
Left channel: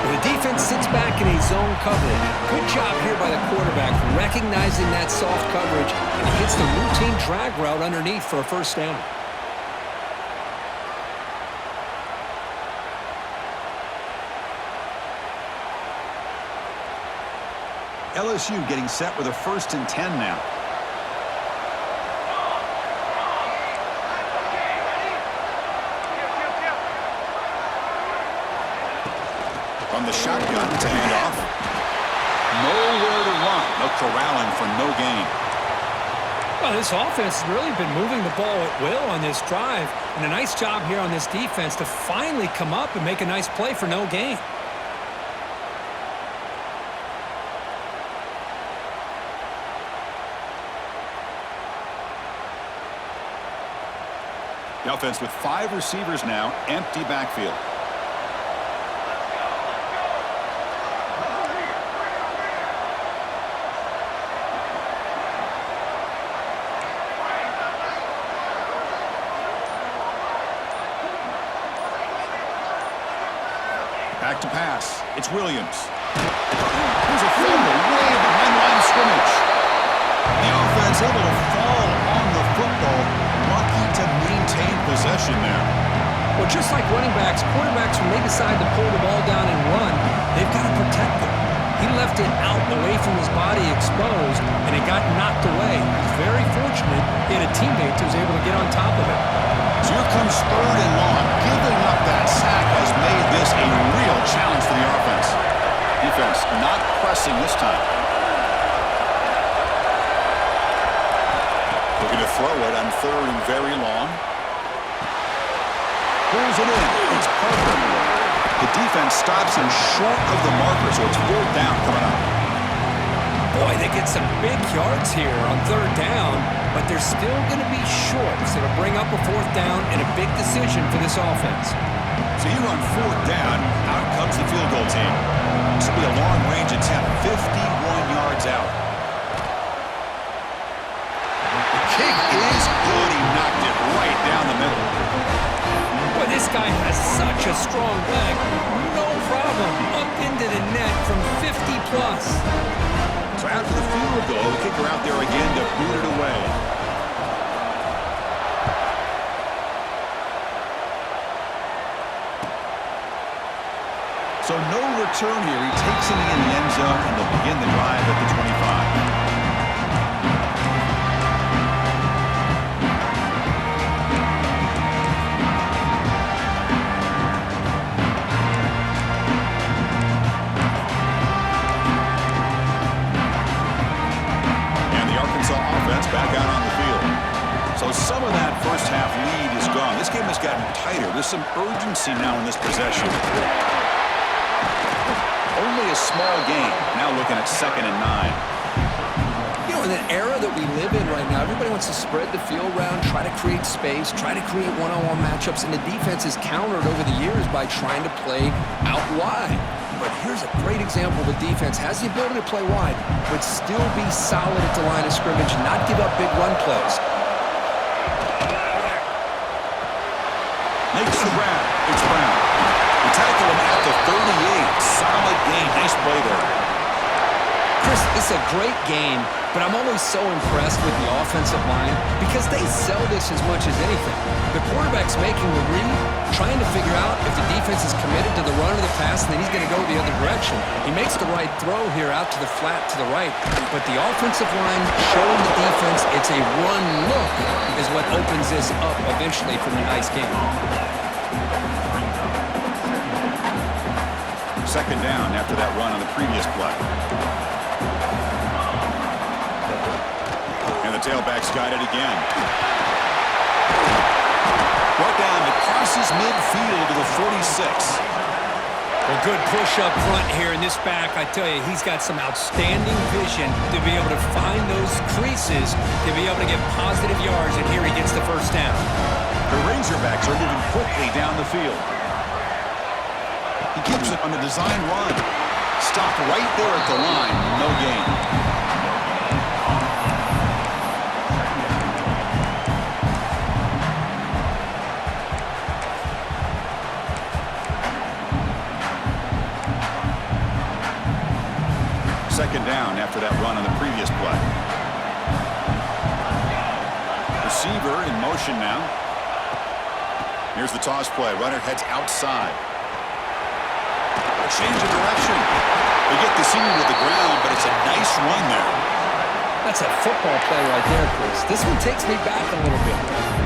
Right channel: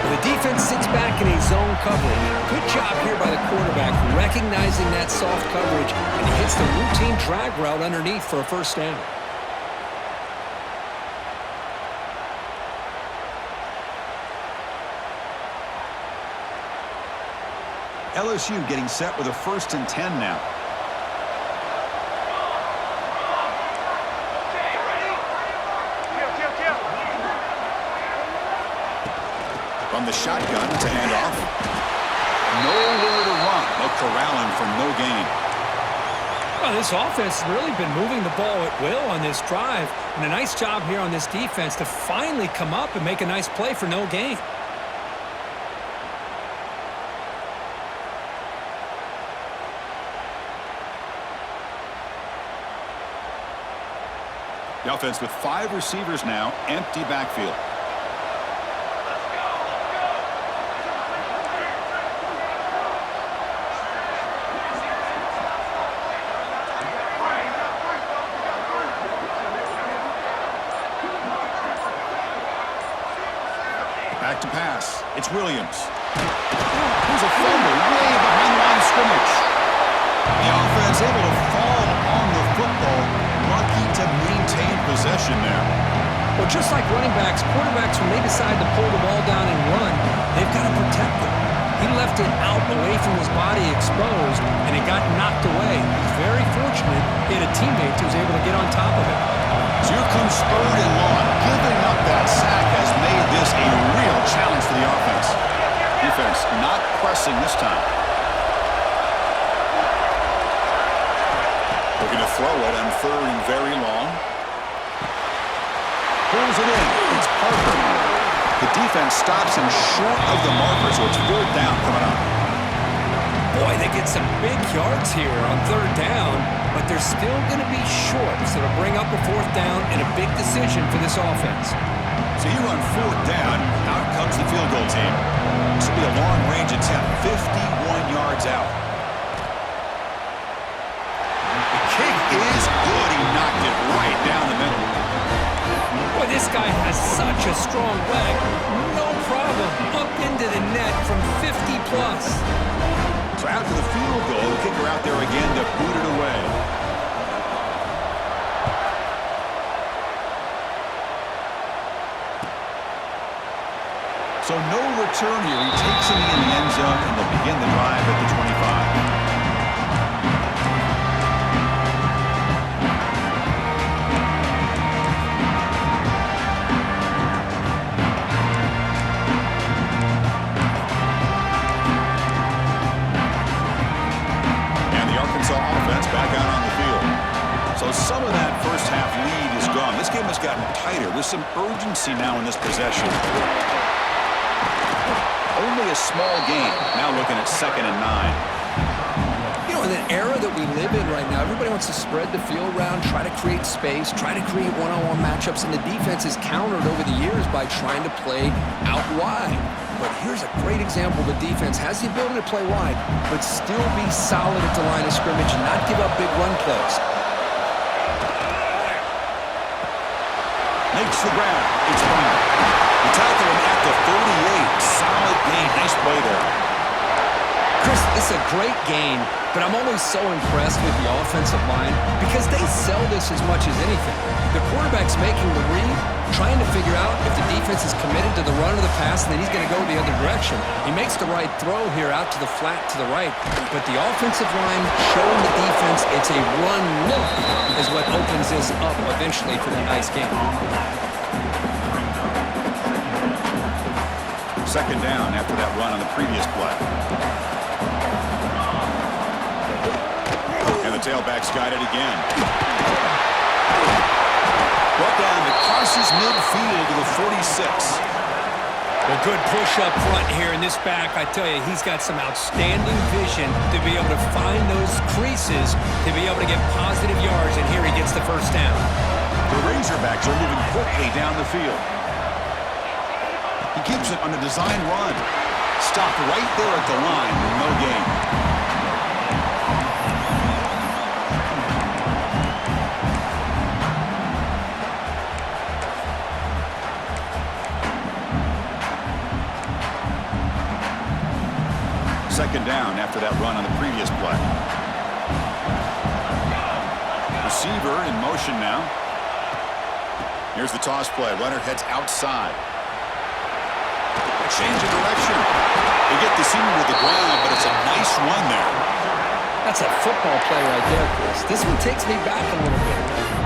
Well, the defense sits back in a zone coverage. Good job here by the quarterback, recognizing that soft coverage, and he hits the routine drag route underneath for a first down. LSU getting set with a 1st and 10 now. From the shotgun to handoff. Nowhere to run. No corralling for no gain. Well, this offense has really been moving the ball at will on this drive, and a nice job here on this defense to finally come up and make a nice play for no gain. The offense with 5 receivers now, empty backfield. Back to pass. It's Williams. Here's a fumble way behind the line of scrimmage. The offense able to fall on the football. Lucky to maintain possession there. Well, just like running backs, quarterbacks, when they decide to pull the ball down and run, they've got to protect it. He left it out away from his body exposed, and it got knocked away. He's very fortunate he had a teammate who was able to get on top of it. So here comes 3rd and long. Giving up that sack has made this a real challenge for the offense. Defense not pressing this time. Looking to throw it on 3rd and very long. Pulls it in. It's Parker. The defense stops him short of the marker, so it's 4th down coming up. Boy, they get some big yards here on 3rd down, but they're still going to be short, so it'll bring up a 4th down and a big decision for this offense. So here on 4th down, out comes the field goal team. This will be a long-range attempt, 51 yards out. The kick is good. He knocked it right down the middle. Boy, this guy has such a strong leg. No problem. Up into the net from 50-plus. So after the field goal, the kicker out there again to boot it away. So no return here. He takes it in the end zone, and they'll begin the drive at the 25. Offense back out on the field. So some of that first half lead is gone. This game has gotten tighter. There's some urgency now in this possession. Only a small game. Now looking at 2nd and 9. You know, in the era that we live in right now, everybody wants to spread the field around, try to create space, try to create one-on-one matchups, and the defense is countered over the years by trying to play out wide. But here's a great example of a defense has the ability to play wide, but still be solid at the line of scrimmage and not give up big run plays. Makes the grab. It's Brown. They tackle him at the 38. Solid gain. Nice play there. Chris, it's a great game, but I'm always so impressed with the offensive line because they sell this as much as anything. The quarterback's making the read, trying to figure out if the defense is committed to the run or the pass, and then he's going to go the other direction. He makes the right throw here out to the flat to the right, but the offensive line showing the defense it's a run look is what opens this up eventually for the nice game. 2nd down after that run on the previous play. And the tailback's got it again. Brought down, it crosses midfield to the 46. Well, good push up front here in this back. I tell you, he's got some outstanding vision to be able to find those creases, to be able to get positive yards, and here he gets the 1st down. The Razorbacks are moving quickly down the field. He keeps it on a design run. Stopped right there at the line, no gain. Second down after that run on the previous play. Receiver in motion now. Here's the toss play. Runner heads outside. A change of direction. They get the senior to the ground, but it's a nice run there. That's a football play right there, Chris. This one takes me back a little bit.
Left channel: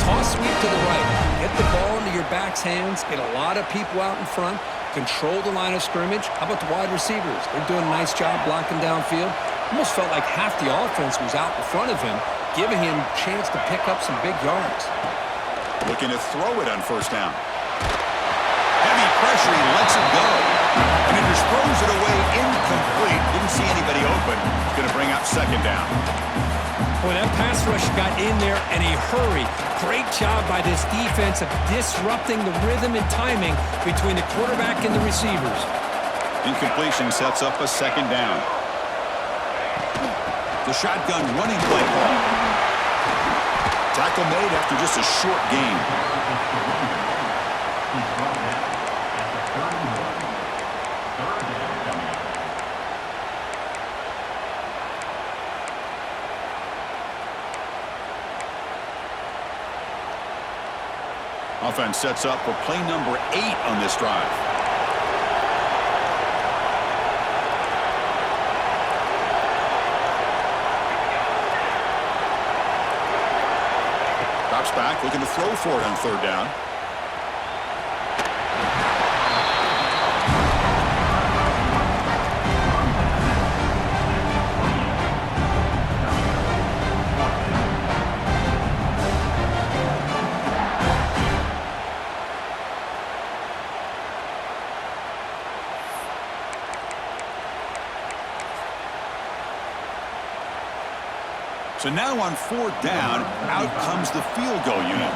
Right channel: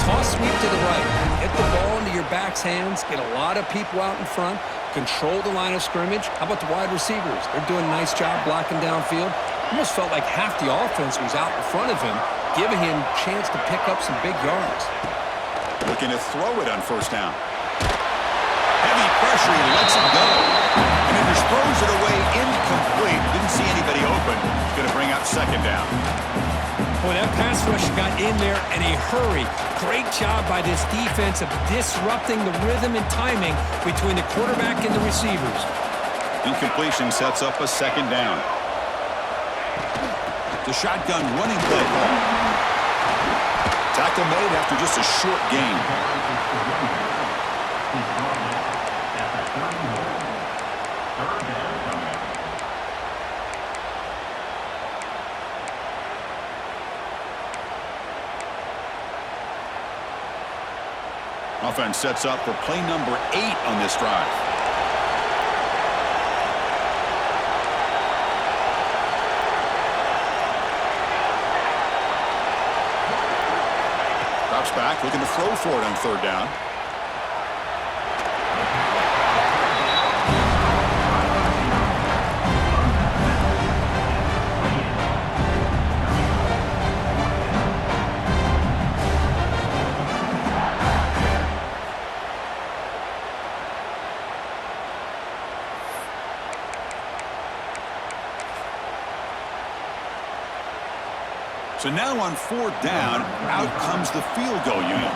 Toss sweep to the right. Get the ball into your back's hands. Get a lot of people out in front. Control the line of scrimmage. How about the wide receivers? They're doing a nice job blocking downfield. Almost felt like half the offense was out in front of him, giving him a chance to pick up some big yards. Looking to throw it on 1st down. Heavy pressure, he lets it go. And he just throws it away incomplete. Didn't see anybody open. It's going to bring up 2nd down. Boy, that pass rush got in there in a hurry. Great job by this defense of disrupting the rhythm and timing between the quarterback and the receivers. Incompletion sets up a second down. The shotgun running play call. Tackle made after just a short gain. Offense sets up for play number 8 on this drive. Drops back, looking to throw for it on third down. So now on fourth down, out comes the field goal unit.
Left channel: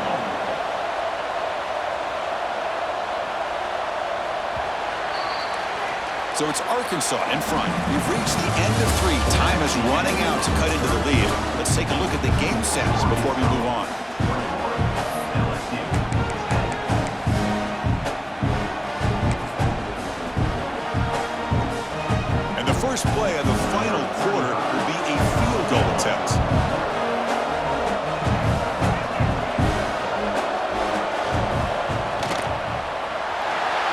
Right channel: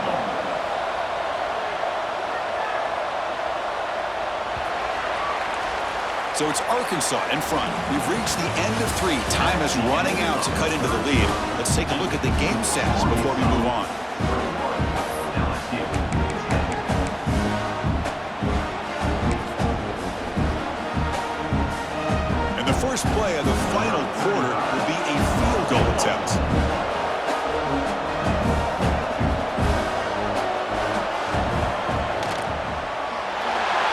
So it's Arkansas in front. We've reached the end of 3. Time is running out to cut into the lead. Let's take a look at the game stats before we move on. And the first play of the final quarter will be a field goal attempt.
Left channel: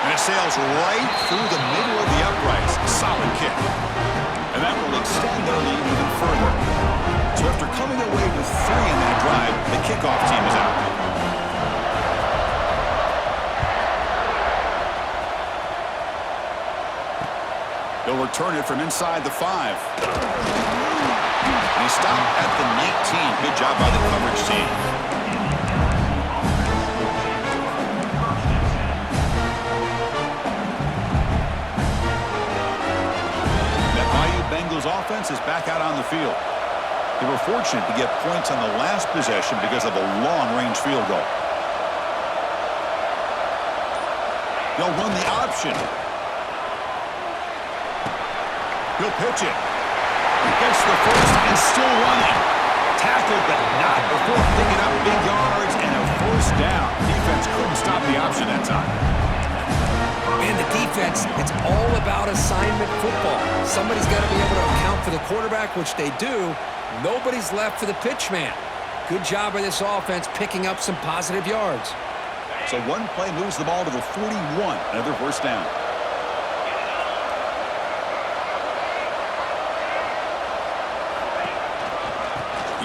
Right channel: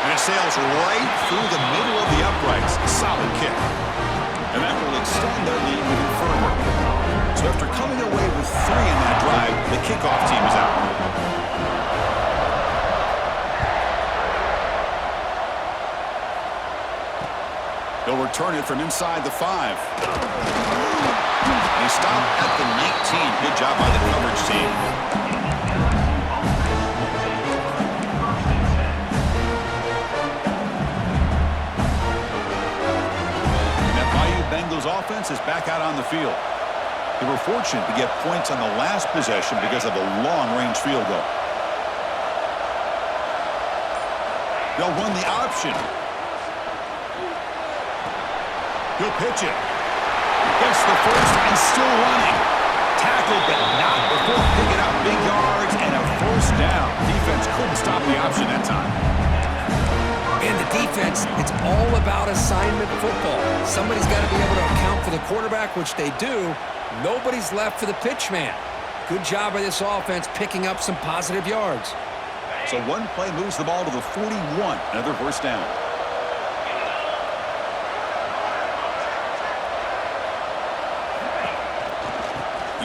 And it sails right through the middle of the uprights. Solid kick. And that will extend their lead even further. So after coming away with 3 in that drive, the kickoff team is out. He'll return it from inside the 5. And he stopped at the 19. Good job by the coverage team. That Bayou Bengals offense is back out on the field. They were fortunate to get points on the last possession because of a long-range field goal. They'll run the option. He'll pitch it. Gets the first and still running. Tackled, but not before picking up big yards and a first down. Defense couldn't stop the option that time. And the defense, it's all about assignment football. Somebody's got to be able to account for the quarterback, which they do. Nobody's left for the pitch man. Good job by this offense picking up some positive yards. So one play moves the ball to the 41. Another first down.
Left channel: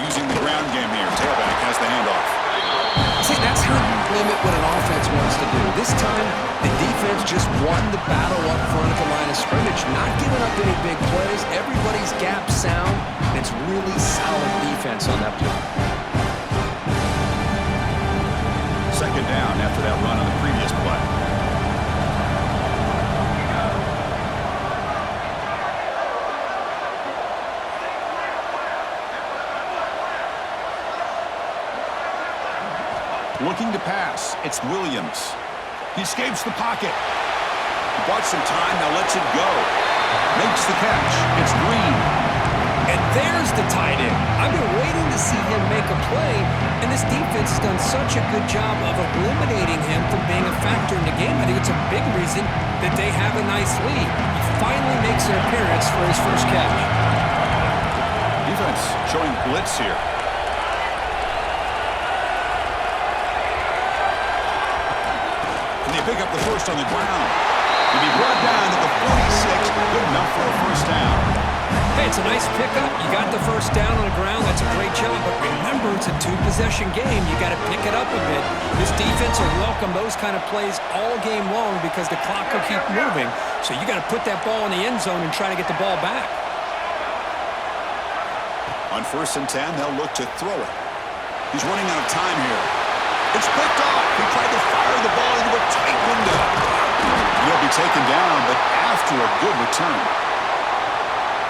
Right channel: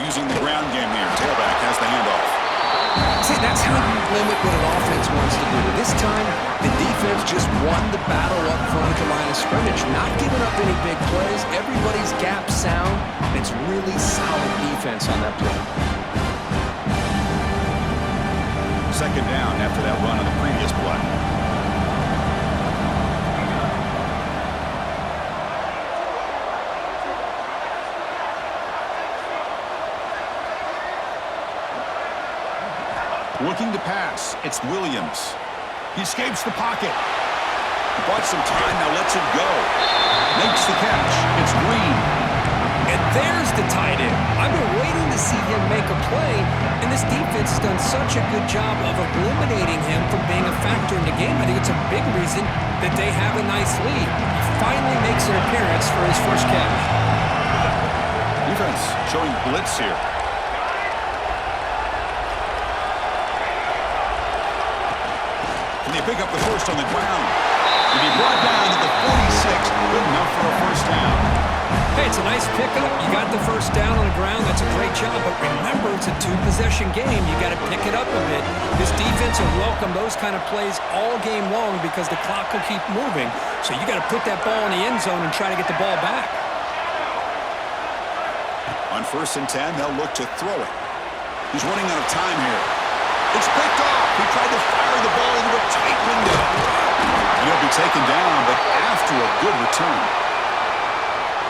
Using the ground game here. Tailback has the handoff. See, that's how you limit what an offense wants to do. This time, the defense just won the battle up front at the line of scrimmage, not giving up any big plays. Everybody's gap sound. It's really solid defense on that play. Second down after that run on the previous play. Looking to pass. It's Williams. He escapes the pocket. He bought some time, now lets it go. Makes the catch. It's Green. And there's the tight end. I've been waiting to see him make a play, and this defense has done such a good job of eliminating him from being a factor in the game. I think it's a big reason that they have a nice lead. He finally makes an appearance for his first catch. Defense showing blitz here. And they pick up the first on the ground. To be brought down to the 46, good enough for a first down. Hey, it's a nice pickup. You got the first down on the ground. That's a great job. But remember, it's a 2-possession game. You got to pick it up a bit. This defense will welcome those kind of plays all game long because the clock will keep moving. So you got to put that ball in the end zone and try to get the ball back. On 1st and 10, they'll look to throw it. He's running out of time here. It's picked off. He tried to fire the ball into a tight window. He'll be taken down, but after a good return.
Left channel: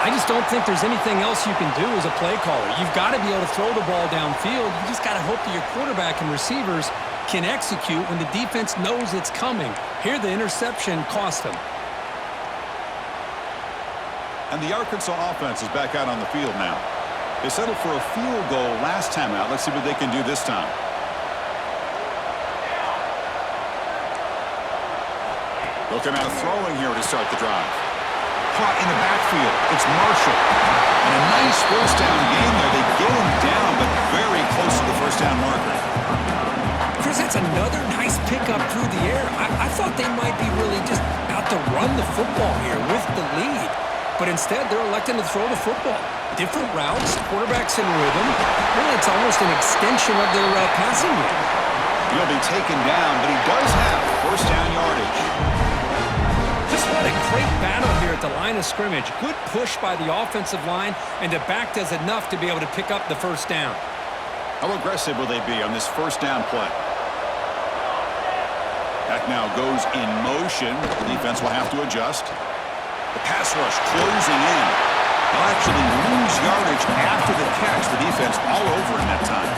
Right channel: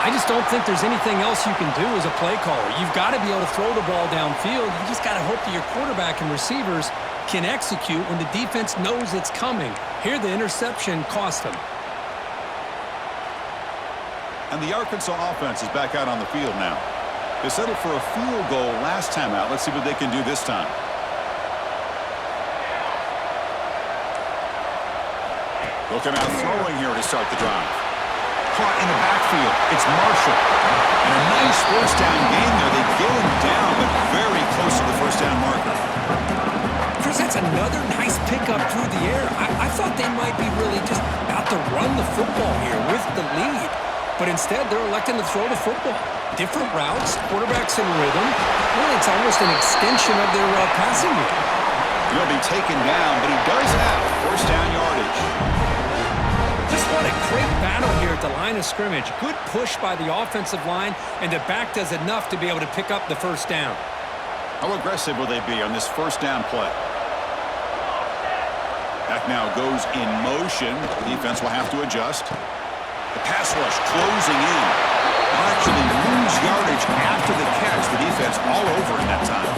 I just don't think there's anything else you can do as a play caller. You've got to be able to throw the ball downfield. You just got to hope that your quarterback and receivers can execute when the defense knows it's coming. Here, the interception cost them. And the Arkansas offense is back out on the field now. They settled for a field goal last time out. Let's see what they can do this time. They'll come out throwing here to start the drive. Caught in the backfield. It's Marshall. And a nice first down gain there. They get him down, but very close to the first down marker. Chris, that's another nice pickup through the air. I thought they might be really just out to run the football here with the lead. But instead, they're electing to throw the football. Different routes, quarterbacks in rhythm. Really, it's almost an extension of their passing game. He'll be taken down, but he does have first down yardage. Just what a great battle here at the line of scrimmage. Good push by the offensive line, and the back does enough to be able to pick up the first down. How aggressive will they be on this first down play? Back now goes in motion. The defense will have to adjust. The pass rush closing in. They'll actually lose yardage after the catch. The defense all over in that time.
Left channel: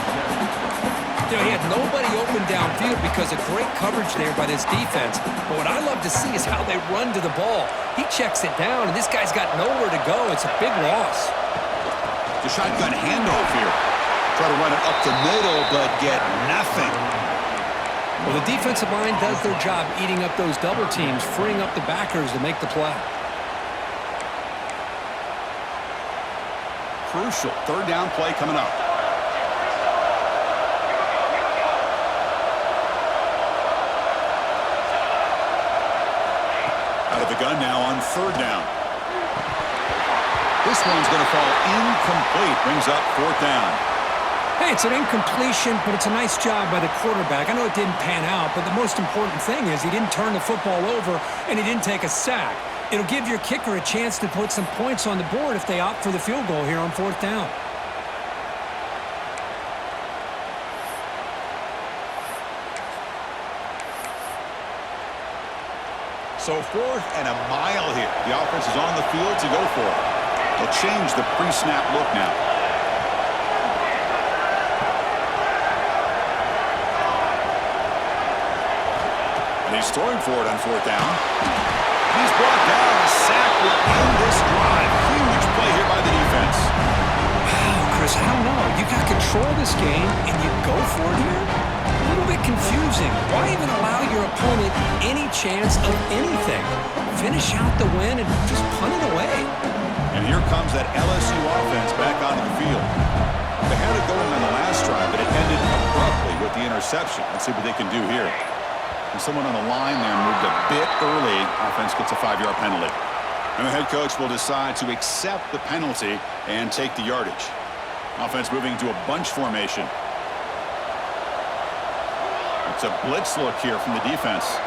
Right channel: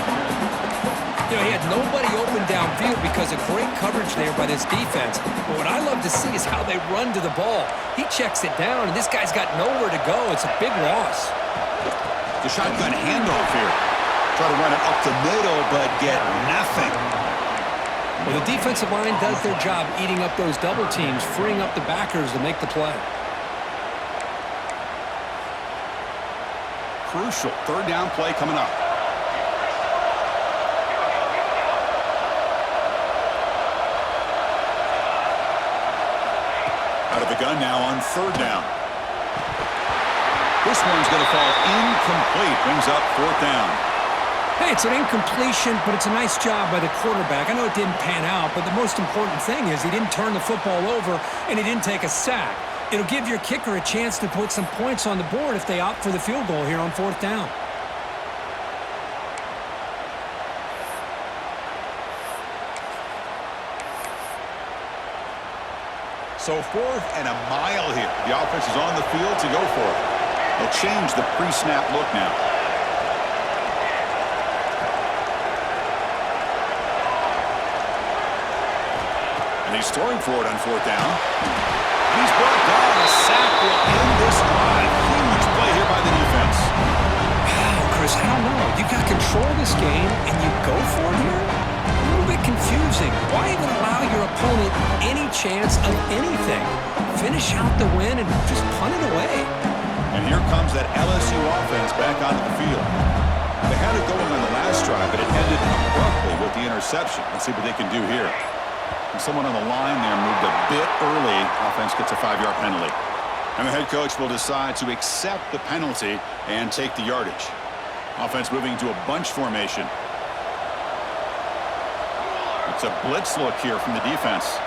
You know, he had nobody open downfield because of great coverage there by this defense. But what I love to see is how they run to the ball. He checks it down, and this guy's got nowhere to go. It's a big loss. The shotgun handoff here. Try to run it up the middle, but get nothing. Well, the defensive line does their job eating up those double teams, freeing up the backers to make the play. Crucial third down play coming up. Out of the gun now on third down. This one's going to fall incomplete. Brings up fourth down. Hey, it's an incompletion, but it's a nice job by the quarterback. I know it didn't pan out, but the most important thing is he didn't turn the football over and he didn't take a sack. It'll give your kicker a chance to put some points on the board if they opt for the field goal here on fourth down. So 4th and a mile here. The offense is on the field to go for it. They'll change the pre-snap look now. And he's throwing for it on fourth down. And he's brought down. A sack will end this drive. Huge play here by the defense. Wow, Chris, I don't know. You got control of this game and you go for it here? A little bit confusing. Why even allow your opponent any chance of anything? Finish out the win and just punt it away. And here comes that LSU offense back onto the field. They had it going on the last drive, but it ended abruptly with the interception. Let's see what they can do here. And someone on the line there moved a bit early. Offense gets a 5-yard penalty. And the head coach will decide to accept the penalty and take the yardage. Offense moving to a bunch formation. It's a blitz look here from the defense.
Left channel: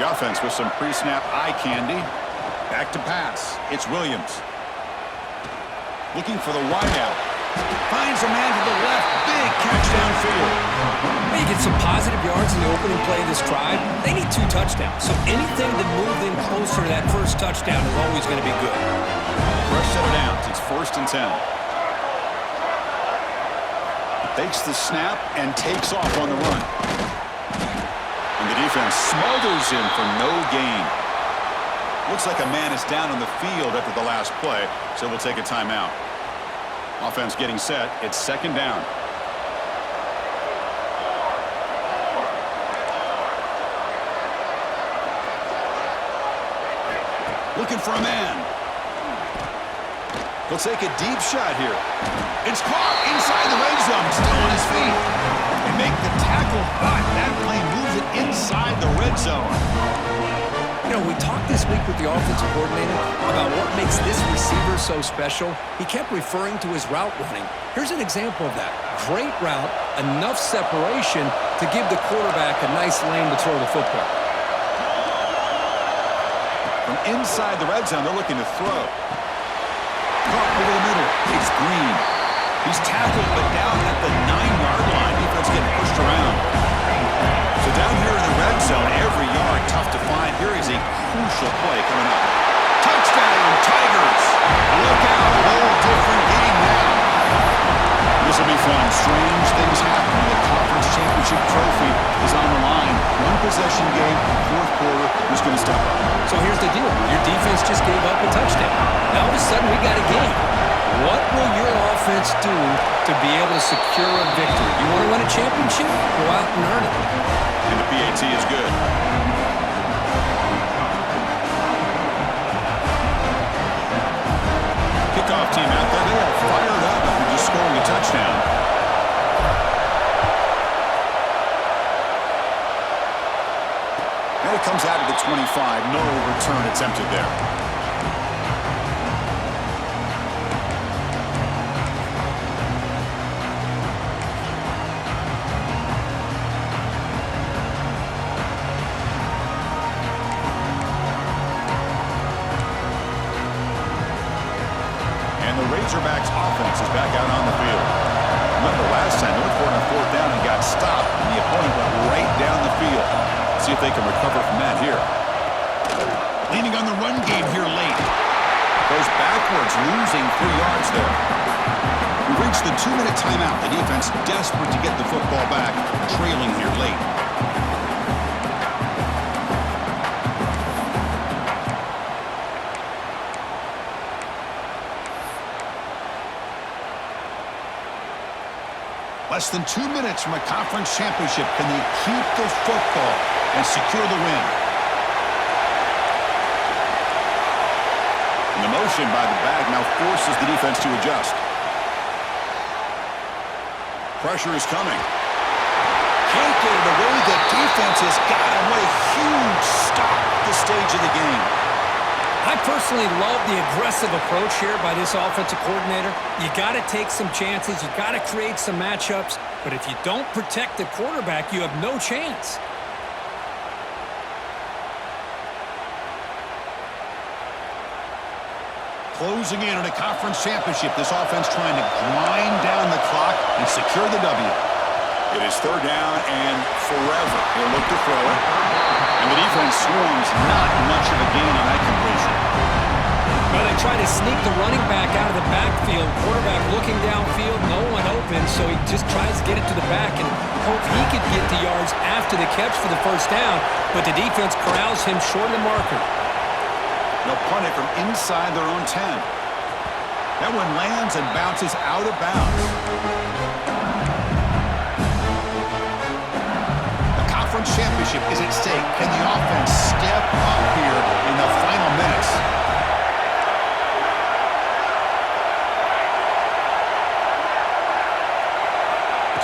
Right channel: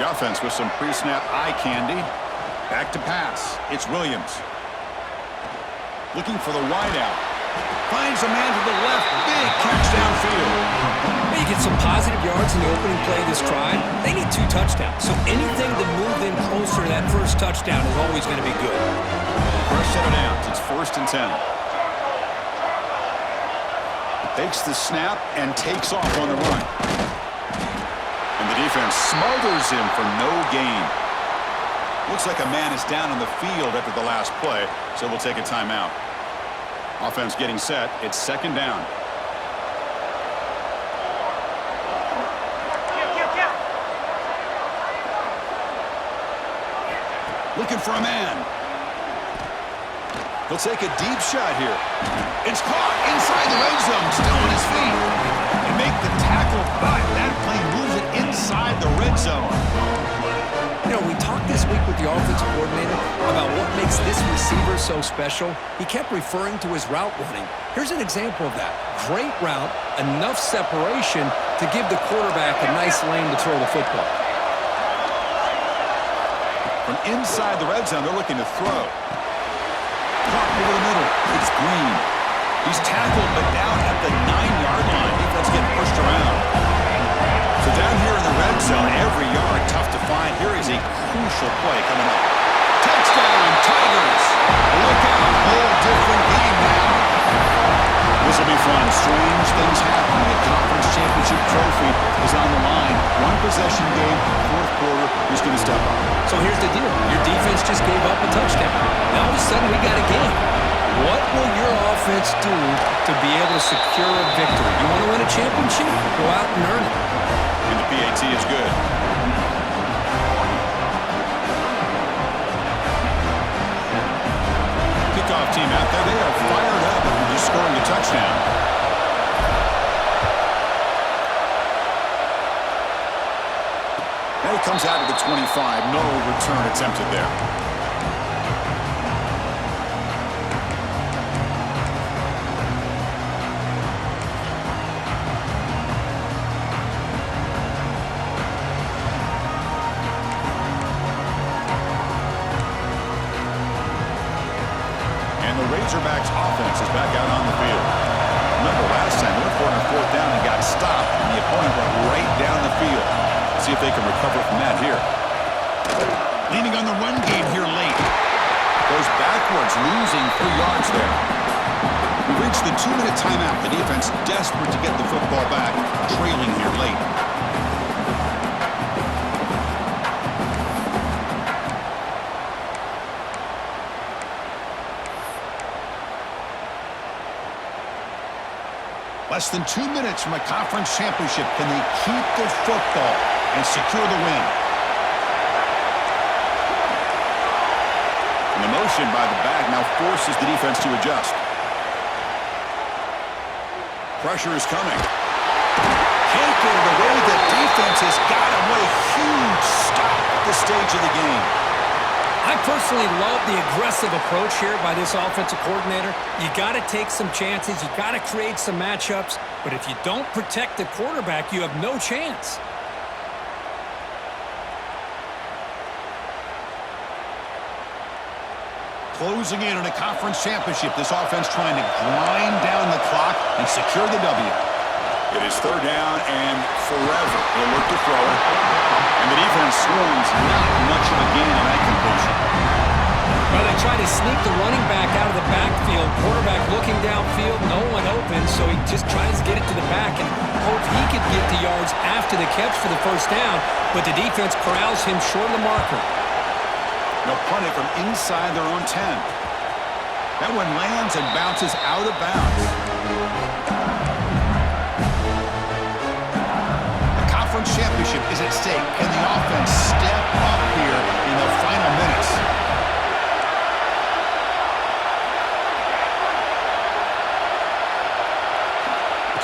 The offense with some pre-snap eye candy. Back to pass. It's Williams. Looking for the wideout. Finds a man to the left. Big catch downfield. Well, you get some positive yards in the opening play of this drive. They need 2 touchdowns. So anything to move them closer to that first touchdown is always going to be good. Fresh set of downs. It's 1st and 10. Takes the snap and takes off on the run. And the defense smothers him for no gain. Looks like a man is down on the field after the last play, so we'll take a timeout. Offense getting set. It's 2nd down. Looking for a man. He'll take a deep shot here. It's caught inside the red zone, still on his feet. And make the tackle, but that play moves it inside the red zone. You know, we talked this week with the offensive coordinator about what makes this receiver so special. He kept referring to his route running. Here's an example of that. Great route, enough separation to give the quarterback a nice lane to throw the football. From inside the red zone, they're looking to throw. Caught over the middle. It's Green. He's tackled, but down at the 9-yard line. Defense getting pushed around. So down here in the red zone, every yard tough to find. Here is a crucial play coming up. Touchdown, Tigers! Look out, whole different game now. This will be fun. Strange things happen when the conference championship trophy is on the line. One possession game, fourth quarter, who's going to step up? So here's the deal. Your defense just gave up a touchdown. Now all of a sudden we got a game. What will your offense do to be able to secure a victory? You want to win a championship? Go out and earn it. And the PAT is good. Kickoff team out there. They are fired up after just scoring a touchdown. And it comes out at the 25. No return attempted there. Razorbacks offense is back out on the field. Remember last time they went for it on fourth down and got stopped, and the opponent went right down the field. See if they can recover from that here. Leaning on the run game here late. Goes backwards, losing 3 yards there. We've reached the 2-minute timeout. The defense desperate to get the football back, trailing here late. Less than 2 minutes from a conference championship. Can they keep the football and secure the win? And the motion by the back now forces the defense to adjust. Pressure is coming. Can't get it away. The defense has got him. What a huge stop at this stage of the game. I personally love the aggressive approach here by this offensive coordinator. You got to take some chances. You got to create some matchups. But if you don't protect the quarterback, you have no chance. Closing in on a conference championship. This offense trying to grind down the clock and secure the W. It is third down and forever. He'll look to throw it. And the defense swarms. Not much of a gain on that completion. Well, they try to sneak the running back out of the backfield. Quarterback looking downfield, no one open, so he just tries to get it to the back and hope he could get the yards after the catch for the first down, but the defense corrals him short of the marker. They'll punt it from inside their own 10. That one lands and bounces out of bounds. Conference championship is at stake. Can the offense step up here in the final minutes?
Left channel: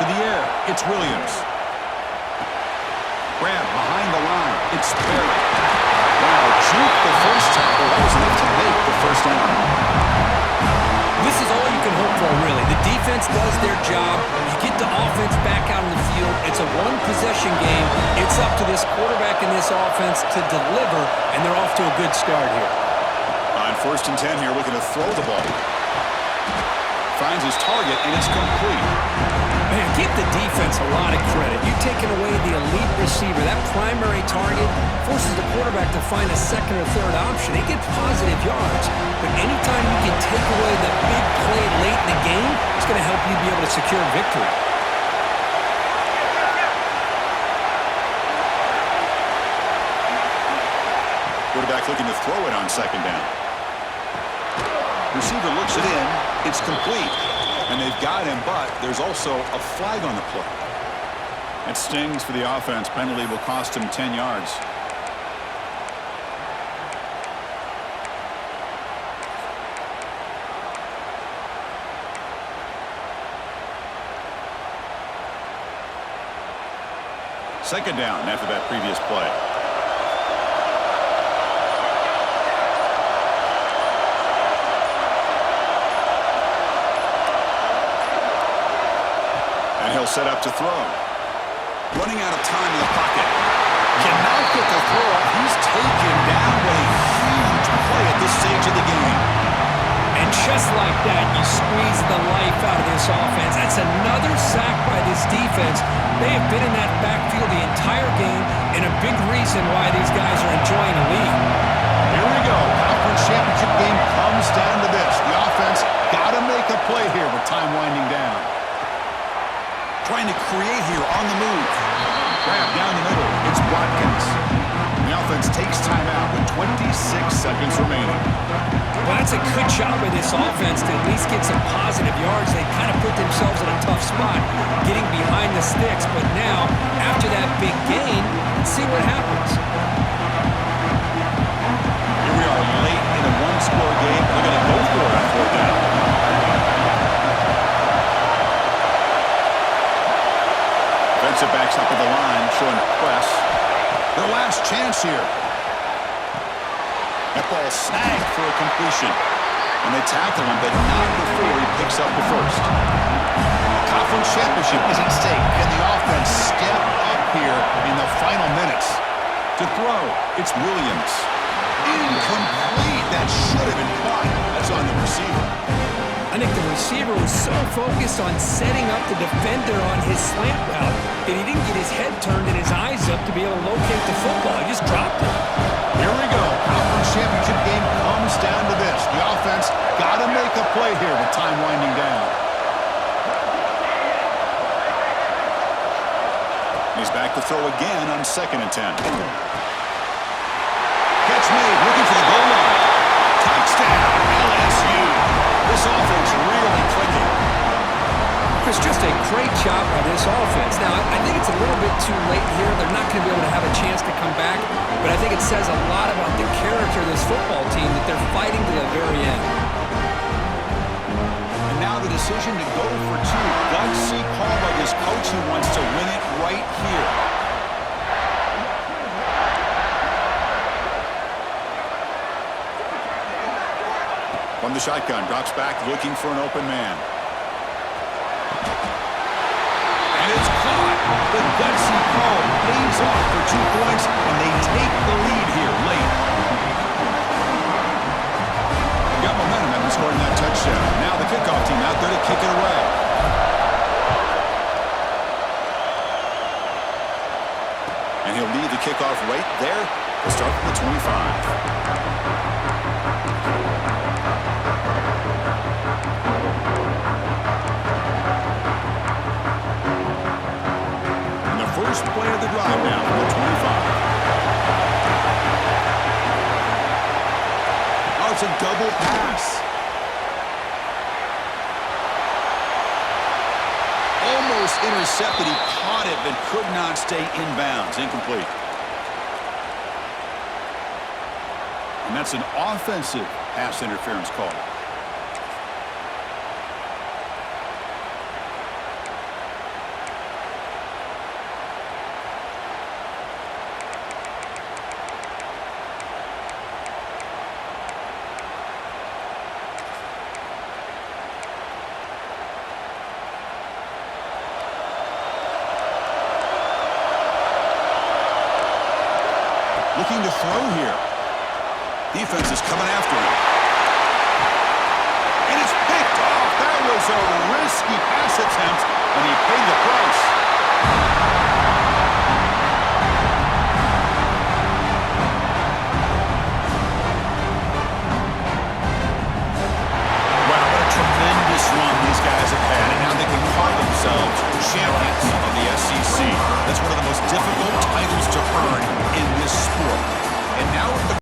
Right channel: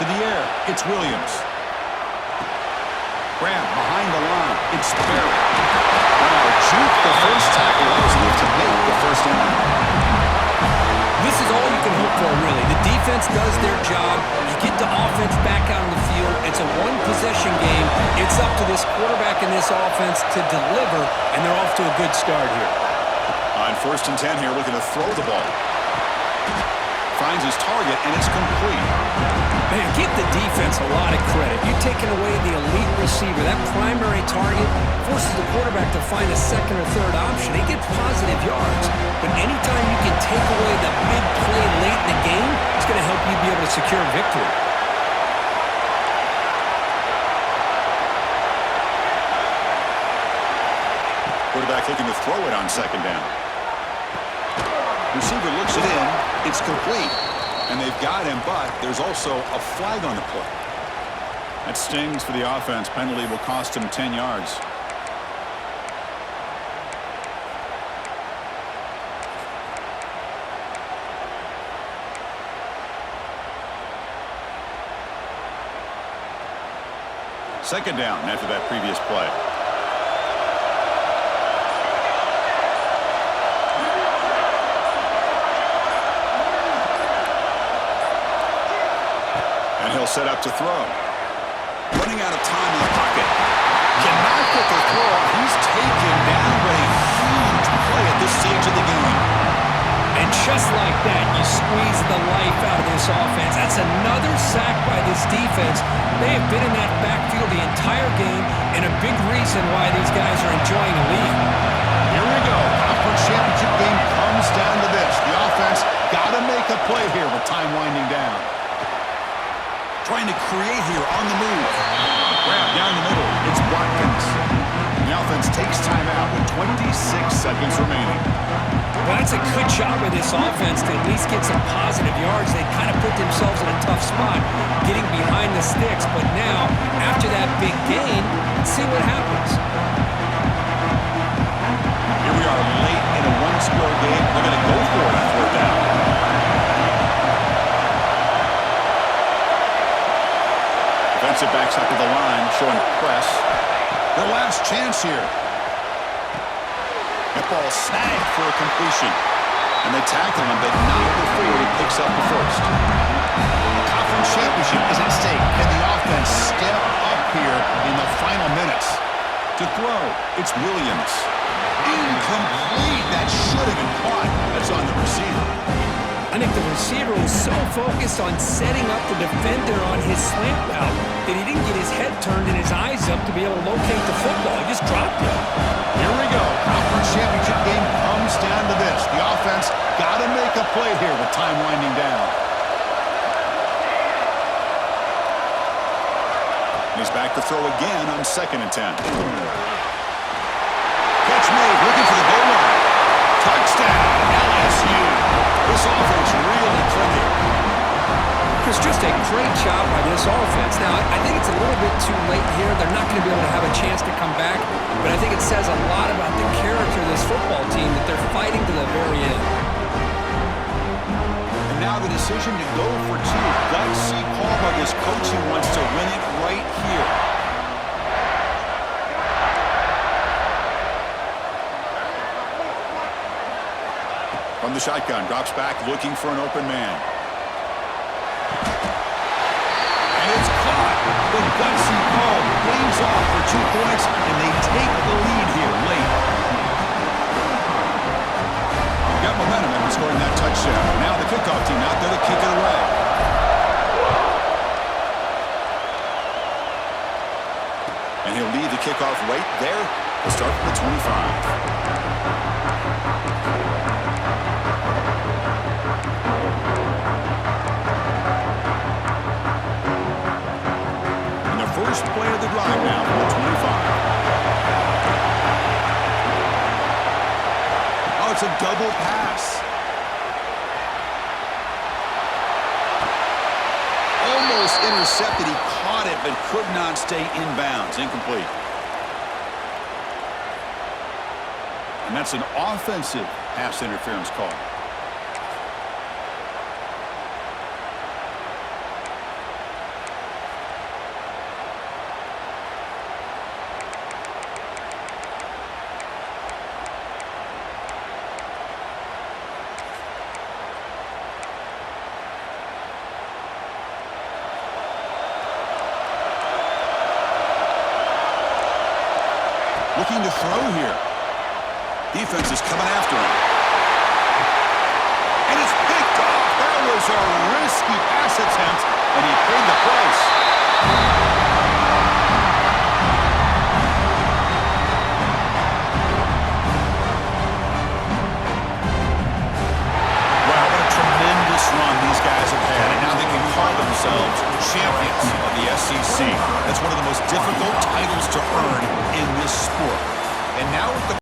To the air, it's Williams. Grab behind the line, it's Barrett. Wow, juke the first tackle. That was enough to make the first down. This is all you can hope for, really. The defense does their job. You get the offense back out on the field. It's a one-possession game. It's up to this quarterback and this offense to deliver, and they're off to a good start here. On 1st and 10 here, looking to throw the ball. Finds his target, and it's complete. Man, give the defense a lot of credit. You've taken away the elite receiver. That primary target forces the quarterback to find a second or third option. He gets positive yards. But anytime you can take away the big play late in the game, it's going to help you be able to secure victory. Quarterback looking to throw it on 2nd down. Receiver looks it in. It's complete. And they've got him, but there's also a flag on the play. That stings for the offense. Penalty will cost him 10 yards. Second down after that previous play. And he'll set up to throw. Running out of time in the pocket. Cannot get the throw up. He's taken down. What a huge play at this stage of the game. And check Just like that, you squeeze the life out of this offense. That's another sack by this defense. They have been in that backfield the entire game, and a big reason why these guys are enjoying a lead. Here we go. Conference championship game comes down to this. The offense got to make a play here with time winding down. Trying to create here on the move. Grab down the middle. It's Watkins. The offense takes timeout with 26 seconds remaining. Well, that's a good job by this offense to at least get some positive yards. They kind of put themselves in a tough spot getting behind the sticks. But now, after that big gain, let's see what happens. Here we are late in a one-score game. They're going to go for it on fourth down. Defensive backs up at the line, showing press. Their last chance here. That ball snagged for a completion. And they tackle him, but not before he picks up the first. The conference championship is at stake. Can the offense step up here in the final minutes? To throw, it's Williams. Incomplete. That should have been caught. That's on the receiver. I think the receiver was so focused on setting up the defender on his slant route that he didn't get his head turned and his eyes up to be able to locate the football. He just dropped it. Here we go. Conference championship game comes down to this. The offense got to make a play here with time winding down. He's back to throw again on 2nd and 10. Catch made, looking for the goal line. Touchdown, LSU. This offense really clicking. Chris, just a great job by this offense. Now, I think it's a little bit too late here. They're not going to be able to have a chance to come back, but I think it says a lot about the character of this football team that they're fighting to the very end. And now the decision to go for two. Gutsy call by this coach. He wants to win it right here. From the shotgun, drops back, looking for an open man. And it's caught. The gutsy call pays off for 2 points, and they take the lead here late. Got momentum after scoring that touchdown. Now the kickoff team out there to kick it away. And he'll lead the kickoff right there to start from the 25. First play of the drive now from the 25. Oh, it's a double pass. Almost intercepted. He caught it, but could not stay inbounds. Incomplete. And that's an offensive pass interference call. Looking to throw here. Defense is coming after him. And it's picked off. That was a risky pass attempt, and he paid the price. Wow, what a tremendous run these guys have had, and now they can call themselves champions of the SEC. That's one of the most difficult titles to earn in this sport. And now with the